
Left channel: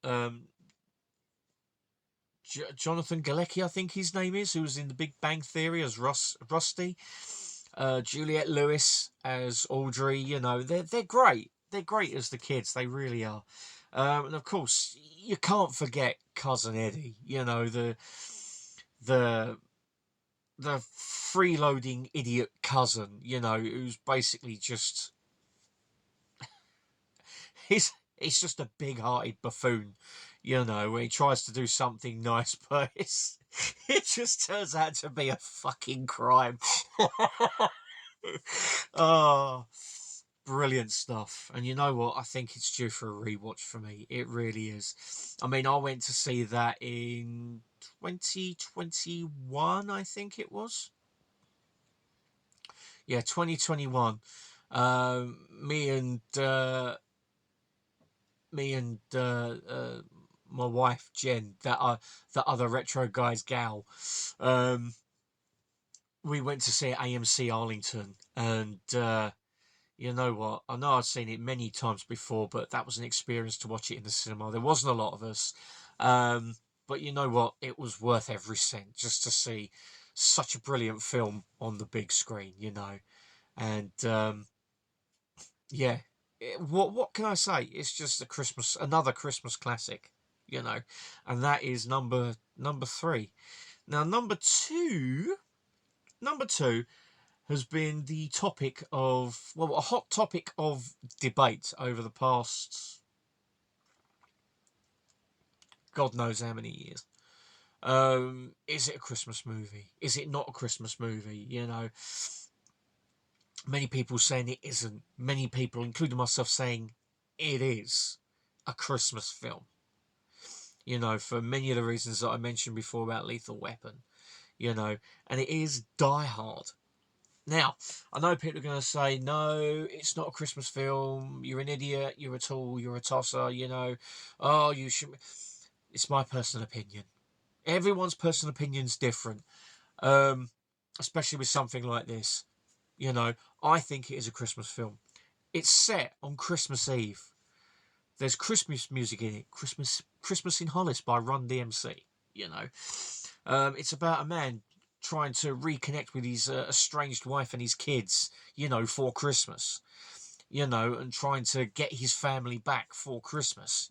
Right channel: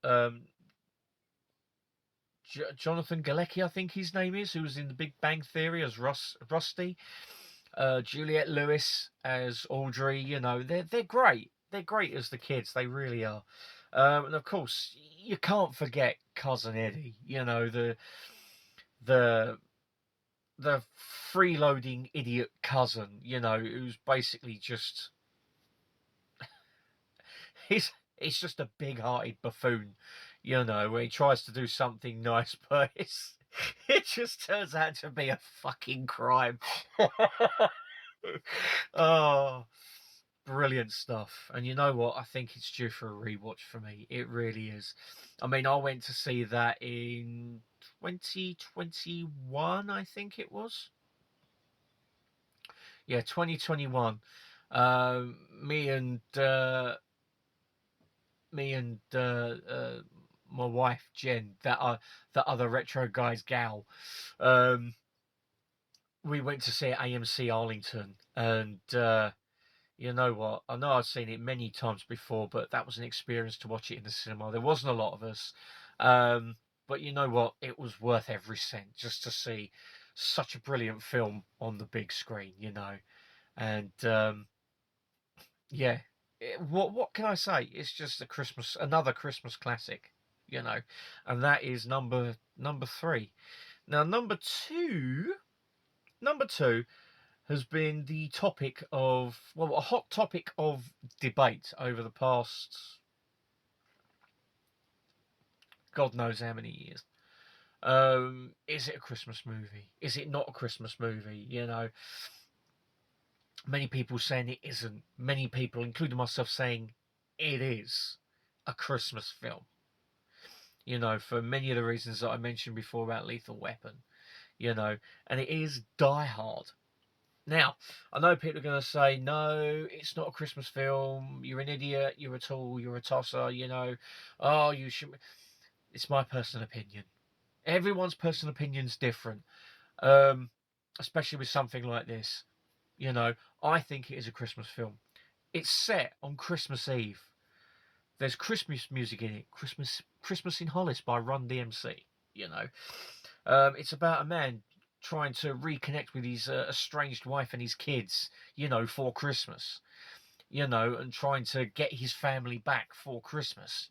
Jonathan Galecki, I think his name is, who was in The Big Bang Theory as Rusty. Juliette Lewis as Audrey. They're great. They're great as the kids. They really are. And of course, you can't forget Cousin Eddie. The the freeloading idiot cousin. Who's basically just he's just a big-hearted buffoon. Where he tries to do something nice, but it just turns out to be a fucking crime. Oh, brilliant stuff. And you know what? I think it's due for a rewatch for me. It really is. I mean, I went to see that in 2021, I think it was. Yeah, 2021. Me and my wife Jen, that other retro guys gal, we went to see it at AMC Arlington, and you know what? I know I've seen it many times before, but that was an experience to watch it in the cinema. There wasn't a lot of us, but you know what? It was worth every cent just to see such a brilliant film on the big screen. And yeah, what can I say? It's just another Christmas classic. And that is number 3. Now, number two has been the topic of, a hot topic of debate over the past God knows how many years. Is it a Christmas movie? Is it not a Christmas movie? Many people saying it isn't. Many people, including myself, saying it is a Christmas film. For many of the reasons that I mentioned before about Lethal Weapon. And it is Die Hard. Now, I know people are going to say, no, it's not a Christmas film. You're an idiot. You're a tool. You're a tosser. Oh, you should. It's my personal opinion. Everyone's personal opinion's different, especially with something like this. I think it is a Christmas film. It's set on Christmas Eve. There's Christmas music in it. Christmas in Hollis by Run DMC. It's about a man trying to reconnect with his estranged wife and his kids, for Christmas, and trying to get his family back for Christmas,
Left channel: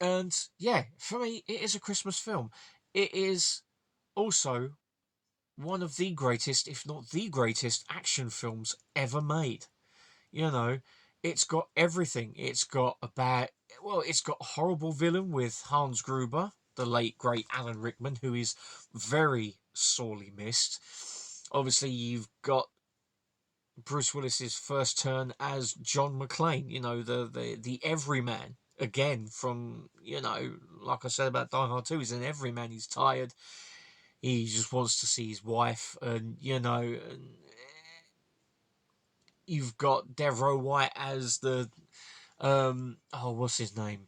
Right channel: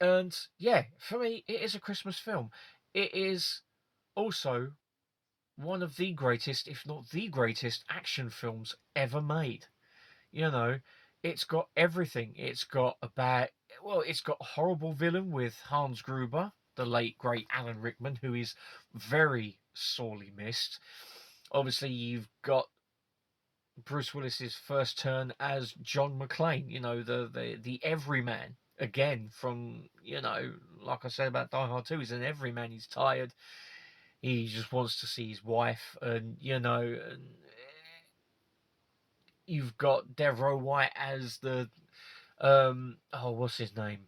and yeah, for me, it is a Christmas film. It is also one of the greatest, if not the greatest, action films ever made. It's got everything. It's got it's got a horrible villain with Hans Gruber, the late great Alan Rickman, who is very sorely missed. Obviously, you've got Bruce Willis's first turn as John McClane. You know, the everyman again from, you know, like I said about Die Hard 2, he's an everyman. He's tired. He just wants to see his wife, and you know, and you've got Devereaux White as the oh, what's his name?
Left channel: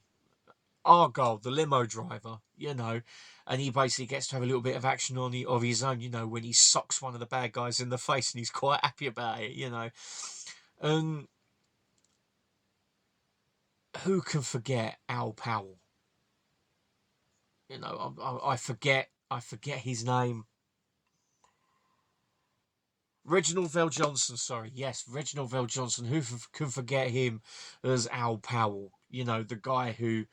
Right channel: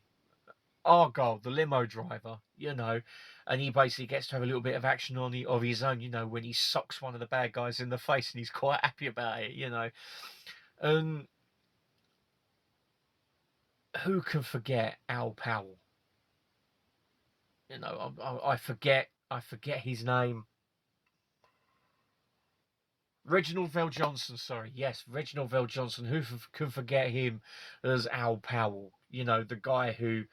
Argyle, the limo driver, you know, and he basically gets to have a little bit of action of his own, you know, when he socks one of the bad guys in the face, and he's quite happy about it, you know. And who can forget Al Powell? You know, I forget his name. Reginald Vell Johnson, sorry, yes, Reginald Vell Johnson. Who can forget him as Al Powell? You know, the guy who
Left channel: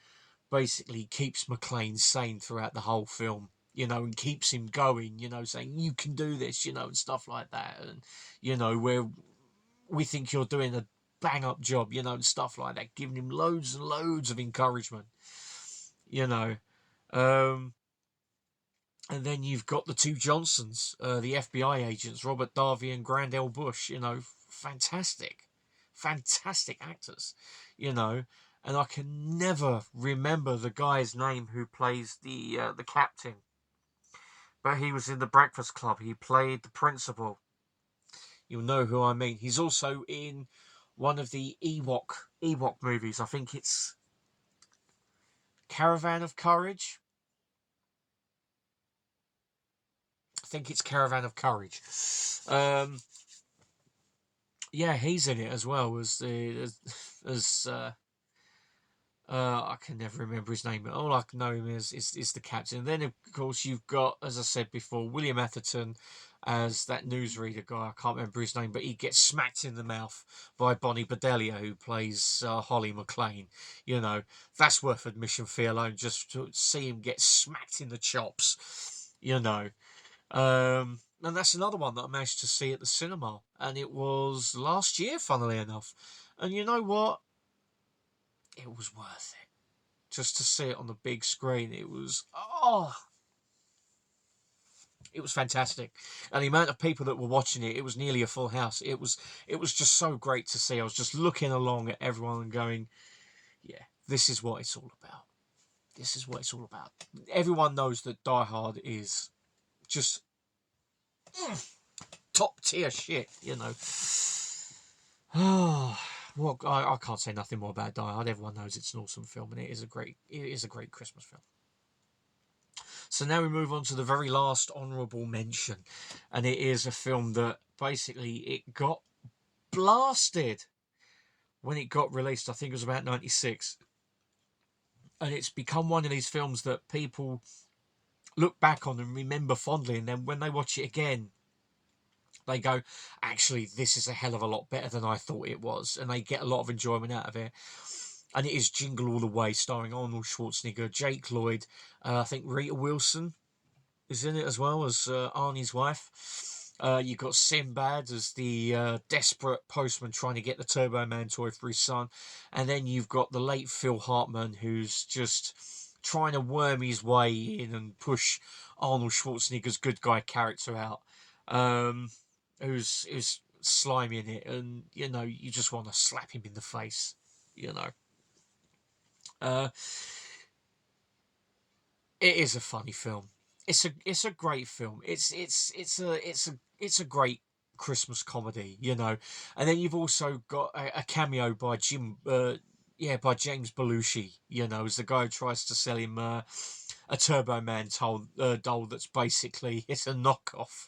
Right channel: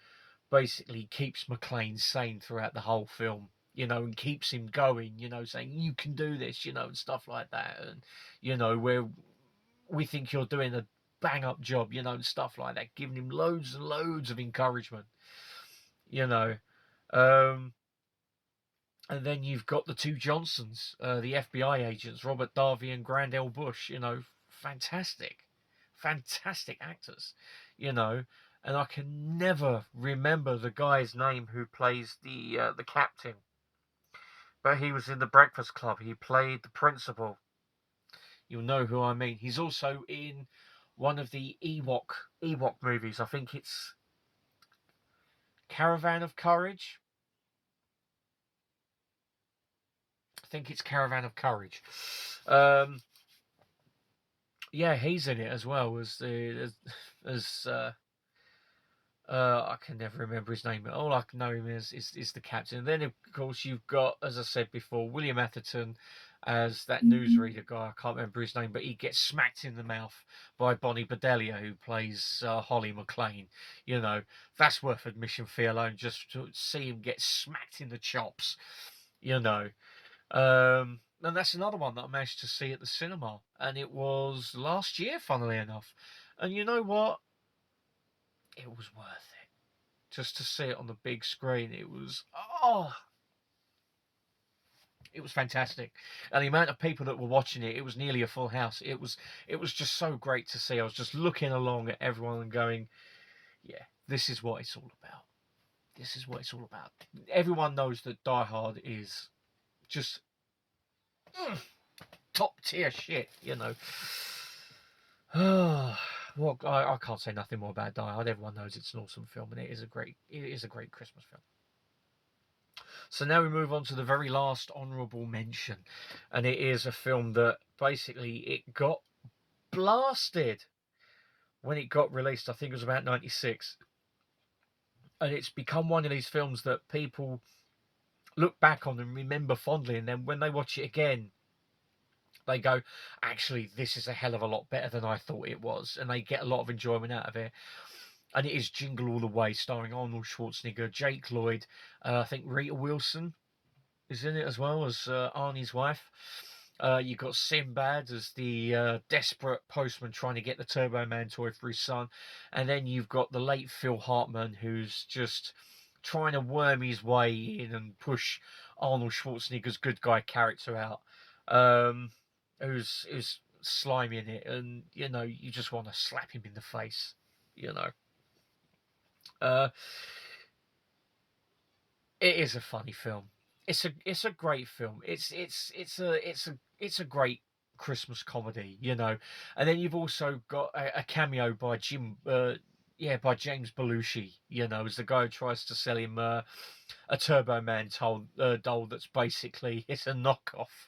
basically keeps McClane sane throughout the whole film, you know, and keeps him going, you know, saying, you can do this, you know, and stuff like that. And, you know, where we think you're doing a bang up job, you know, and stuff like that, giving him loads and loads of encouragement, you know. Um, and then you've got the two Johnsons, the FBI agents, Robert Darby and Grandel Bush, you know, fantastic, fantastic actors, you know. And I can never remember the guy's name who plays the captain, but he was in the Breakfast Club. He played the principal. You'll know who I mean. He's also in one of the Ewok movies. I think it's Caravan of Courage. I think it's Caravan of Courage. Um, yeah, he's in it as well as I can never remember his name. All I can know him is the captain. And then of course you've got, as I said before, William Atherton as that newsreader guy. I can't remember his name, but he gets smacked in the mouth by Bonnie Bedelia, who plays Holly McClane. You know, that's worth admission fee alone, just to see him get smacked in the chops. You know. And that's another one that I managed to see at the cinema, and it was last year, funnily enough. And you know what? It was worth it just to see it on the big screen. It was fantastic, and the amount of people that were watching it, it was nearly a full house. It was just so great to see. I was just looking along at everyone and going, yeah, this is what it's all about. This is what it's all about. Everyone knows that Die Hard is just top tier shit, you know. Well, I can't say nothing more about Die Hard. Everyone knows it's an awesome film, and it is a great Christmas film. So now we move on to the very last honourable mention, and it is a film that basically it got blasted when it got released. I think it was about 96, and it's become one of these films that people look back on and remember fondly, and then when they watch it again, they go, actually, this is a hell of a lot better than I thought it was, and they get a lot of enjoyment out of it. And it is Jingle All the Way, starring Arnold Schwarzenegger, Jake Lloyd, I think Rita Wilson is in it as well as Arnie's wife. You've got Sinbad as the desperate postman trying to get the Turbo Man toy for his son. And then you've got the late Phil Hartman, who's just trying to worm his way in and push Arnold Schwarzenegger's good guy character out. Who's slimy in it. And, you know, you just want to slap him in the face, you know. It is a funny film. It's a great film. It's a great Christmas comedy, you know. And then you've also got a cameo by by James Belushi, you know, as the guy who tries to sell him a Turbo Man doll that's basically it's a knockoff.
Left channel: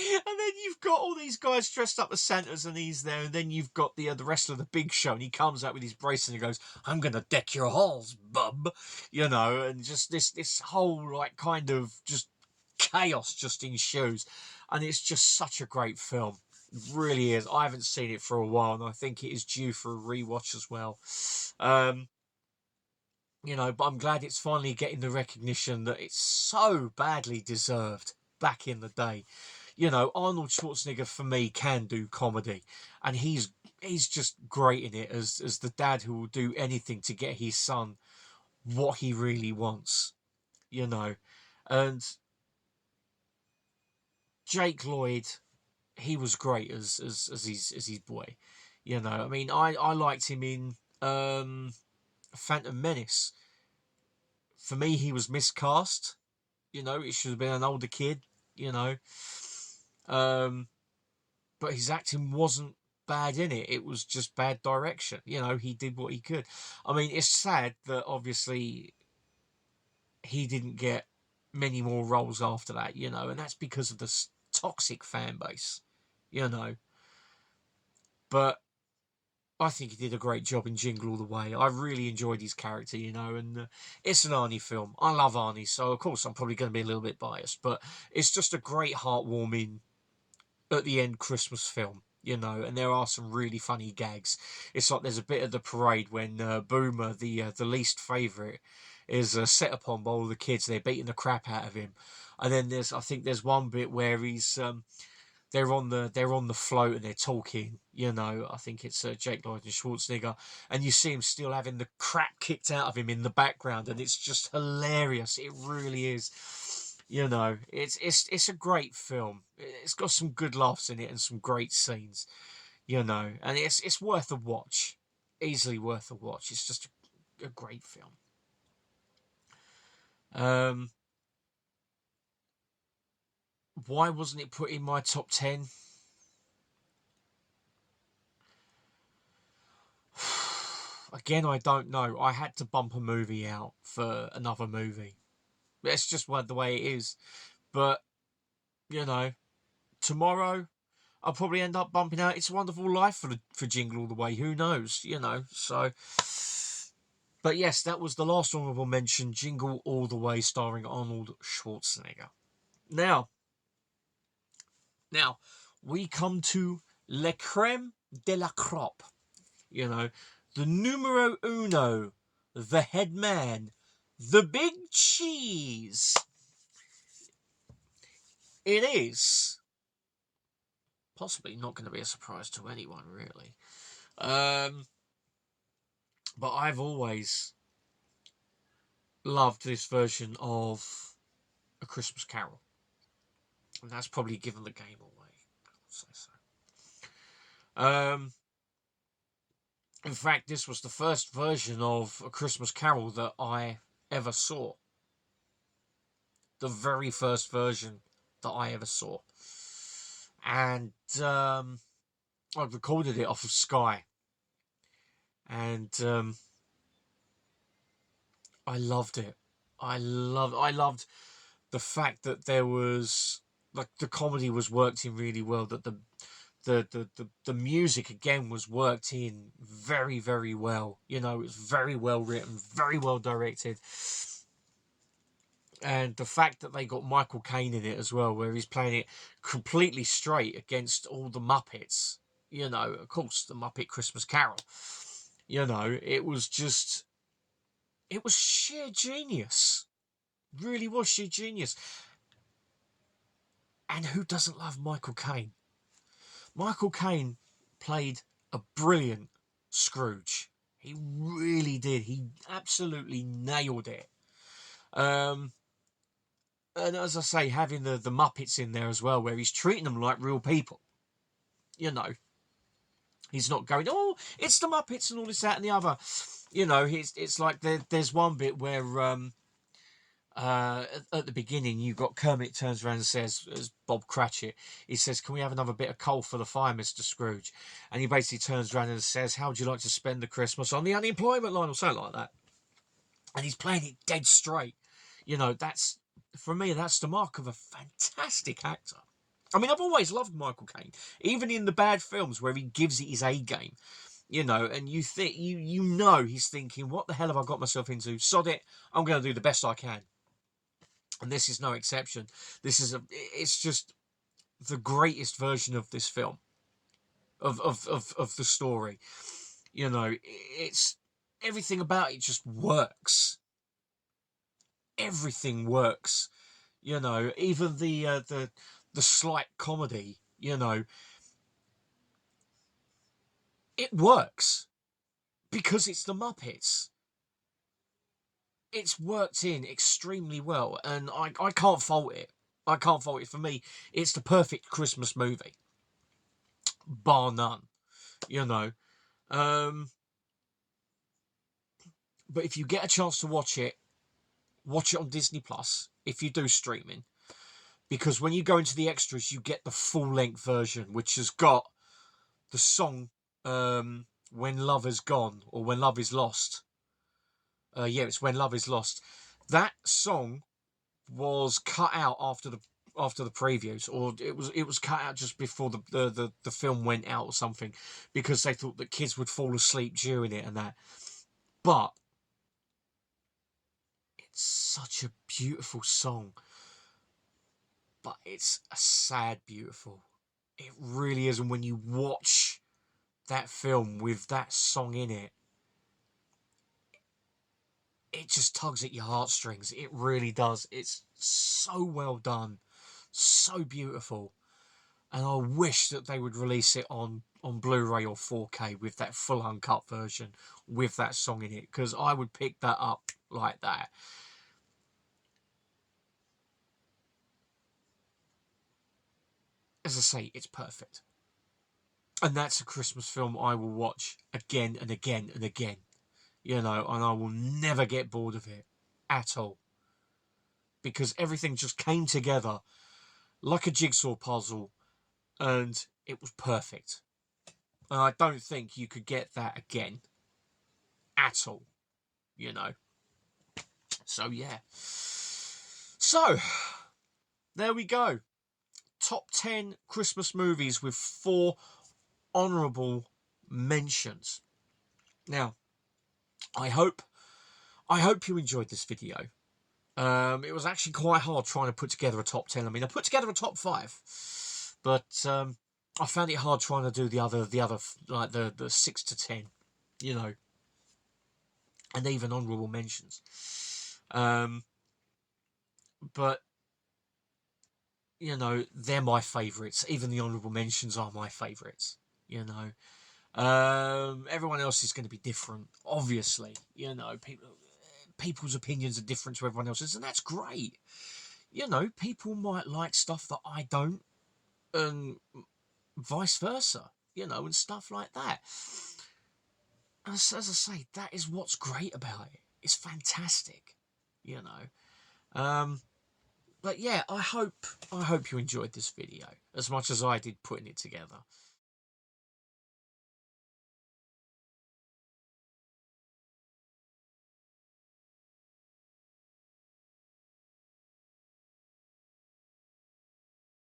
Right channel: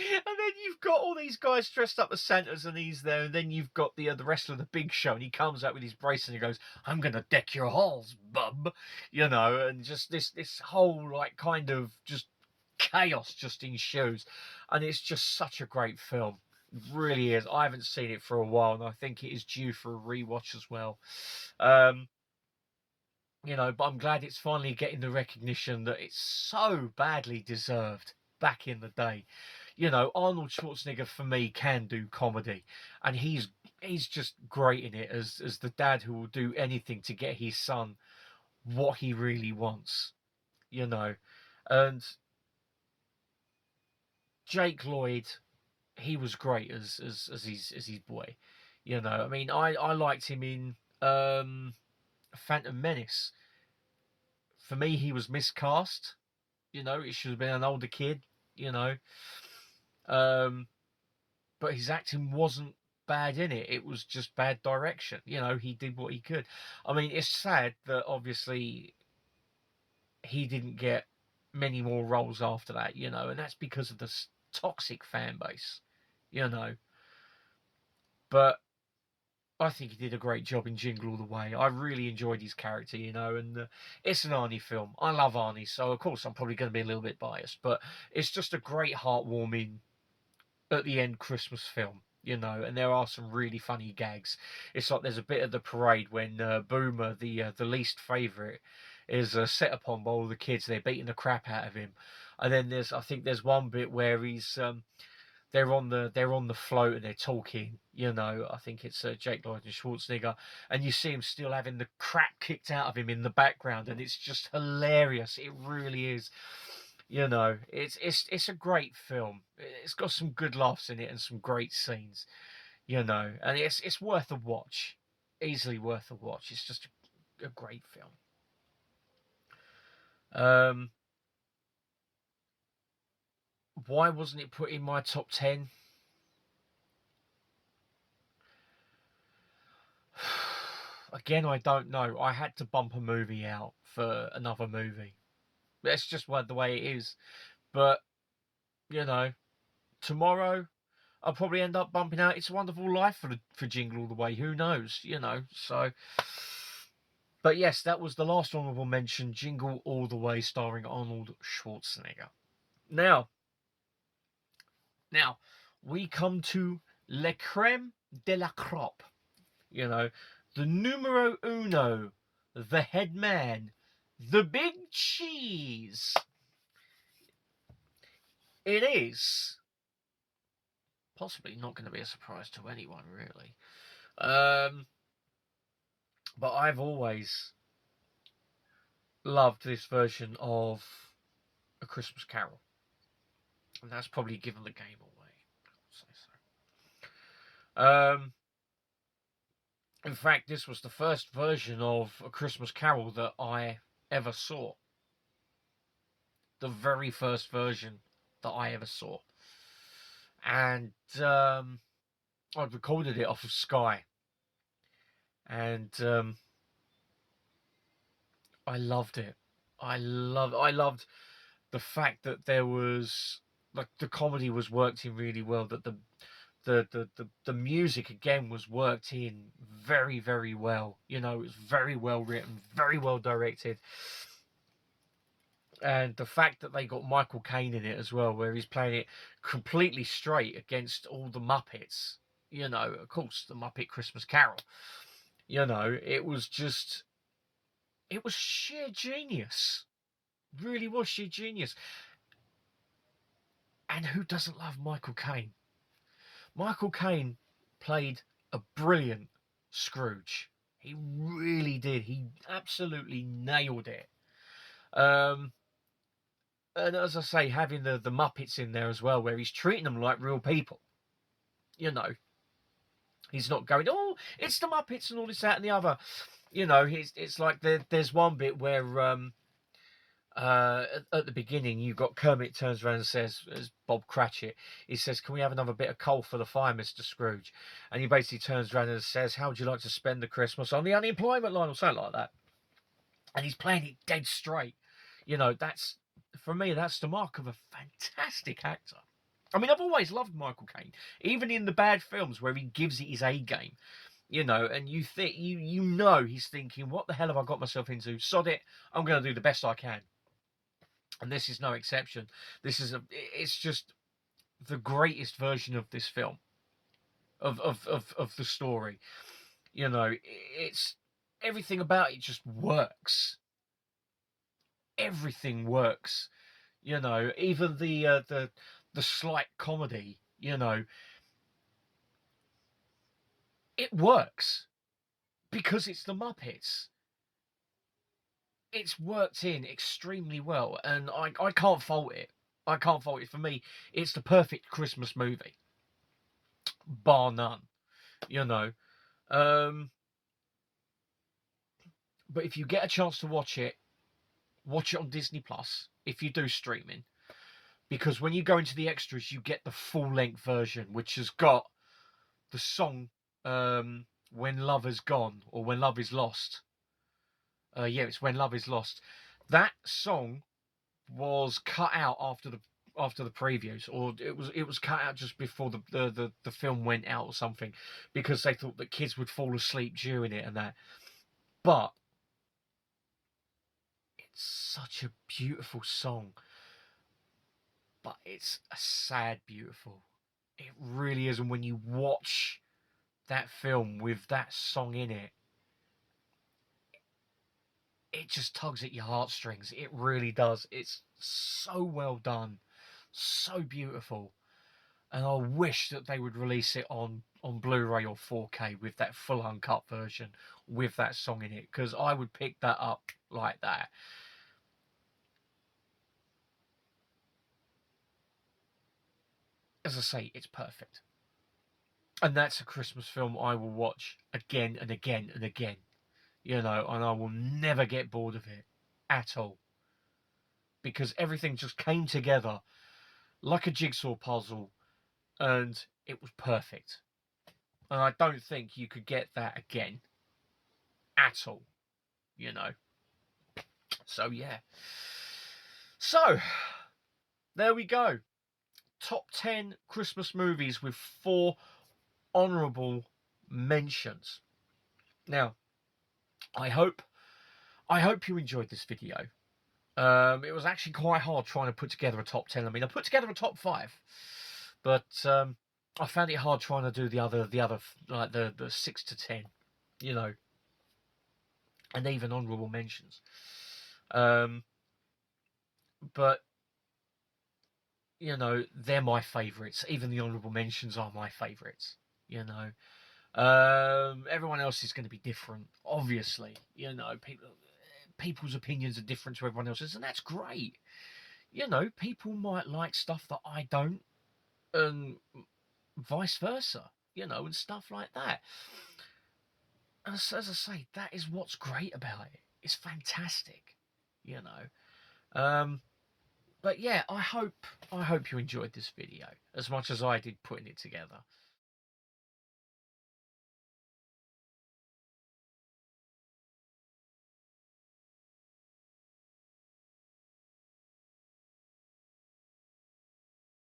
And then you've got all these guys dressed up as Santas, and he's there. And then you've got the rest of the Big Show, and he comes out with his brace and he goes, "I'm gonna deck your halls, bub," you know. And just this whole like kind of just chaos just ensues, and it's just such a great film. It really is. I haven't seen it for a while, and I think it is due for a rewatch as well. You know, but I'm glad it's finally getting the recognition that it's so badly deserved back in the day. You know, Arnold Schwarzenegger for me can do comedy, and he's just great in it as the dad who will do anything to get his son what he really wants. You know, and Jake Lloyd, he was great as his boy. You know, I mean, I liked him in Phantom Menace. For me, he was miscast. You know, it should have been an older kid. You know, um, but his acting wasn't bad in it. It was just bad direction. You know, he did what he could. I mean, it's sad that obviously he didn't get many more roles after that. You know, and that's because of the toxic fan base. You know, but I think he did a great job in Jingle All the Way. I really enjoyed his character, you know, and it's an Arnie film. I love Arnie, so of course I'm probably going to be a little bit biased, but it's just a great heartwarming at the end Christmas film, you know, and there are some really funny gags. It's like there's a bit of the parade when Boomer, the least favourite, is set upon by all the kids. They're beating the crap out of him, and then I think there's one bit where they're on the float and they're talking. You know, I think it's Jake Lloyd and Schwarzenegger, and you see him still having the crap kicked out of him in the background, and it's just hilarious. It really is. You know, it's a great film. It's got some good laughs in it and some great scenes. You know, and it's worth a watch, easily worth a watch. It's just a great film. Why wasn't it put in my top 10? Again, I don't know. I had to bump a movie out for another movie. That's just the way it is. But, you know, tomorrow I'll probably end up bumping out It's a Wonderful Life for Jingle All the Way. Who knows, you know. So, but yes, that was the last honourable mention, Jingle All the Way, starring Arnold Schwarzenegger. Now, we come to Le Creme de la Crop. You know, the numero uno, the head man, the big cheese. It is possibly not going to be a surprise to anyone, really. But I've always loved this version of A Christmas Carol. And that's probably given the game away. I'll say so. In fact, this was the first version of A Christmas Carol that I ever saw. The very first version that I ever saw. And I recorded it off of Sky. And I loved it. I loved the fact that there was, like, the comedy was worked in really well, that the music again was worked in very, very well. You know, it was very well written, very well directed. And the fact that they got Michael Caine in it as well, where he's playing it completely straight against all the Muppets. You know, of course, the Muppet Christmas Carol. You know, it was sheer genius. Really was sheer genius. And who doesn't love Michael Caine? Michael Caine played a brilliant Scrooge. He really did. He absolutely nailed it. And as I say, having the Muppets in there as well, where he's treating them like real people. You know, he's not going, oh, it's the Muppets and all this, that, and the other. You know, it's like there's one bit where at the beginning, you've got Kermit turns around and says, as Bob Cratchit, he says, can we have another bit of coal for the fire, Mr. Scrooge? And he basically turns around and says, how would you like to spend the Christmas on the unemployment line, or something like that? And he's playing it dead straight. You know, for me, that's the mark of a fantastic actor. I mean, I've always loved Michael Caine, even in the bad films where he gives it his A game. You know, and you think you know he's thinking, what the hell have I got myself into? Sod it, I'm going to do the best I can. And this is no exception. It's just the greatest version of this film, of the story. You know, it's everything about it just works. Everything works. You know, even the slight comedy. You know, it works because it's the Muppets. It's worked in extremely well, and I can't fault it. I can't fault it. For me, it's the perfect Christmas movie. bar none, you know. Um, but if you get a chance to watch it on Disney Plus, if you do streaming, because when you go into the extras, you get the full length version, which has got the song When Love Is Gone, or When Love Is Lost. Yeah, it's When Love Is Lost. That song was cut out after the previews, or it was cut out just before the film went out or something, because they thought that kids would fall asleep during it and that. But it's such a beautiful song, but it's a sad beautiful. It really is. And when you watch that film with that song in it, it just tugs at your heartstrings. It really does. It's so well done, so beautiful. And I wish that they would release it on Blu-ray or 4K with that full uncut version with that song in it, because I would pick that up like that. As I say, it's perfect. And that's a Christmas film I will watch again and again and again, you know, and I will never get bored of it at all, because everything just came together like a jigsaw puzzle, and it was perfect. And I don't think you could get that again at all, you know. So, yeah. So, there we go. Top 10 Christmas movies with 4 honourable mentions. Now, I hope you enjoyed this video. It was actually quite hard trying to put together a top 10. I mean, I put together a top 5, but I found it hard trying to do the other like the 6 to 10, you know, and even honourable mentions. But you know, they're my favourites. Even the honourable mentions are my favourites. You know, everyone else is going to be different, obviously. You know, people's opinions are different to everyone else's, and that's great. You know, people might like stuff that I don't, and vice versa. You know, and stuff like that. As I say, that is what's great about it. It's fantastic. You know. But yeah, I hope you enjoyed this video as much as I did putting it together.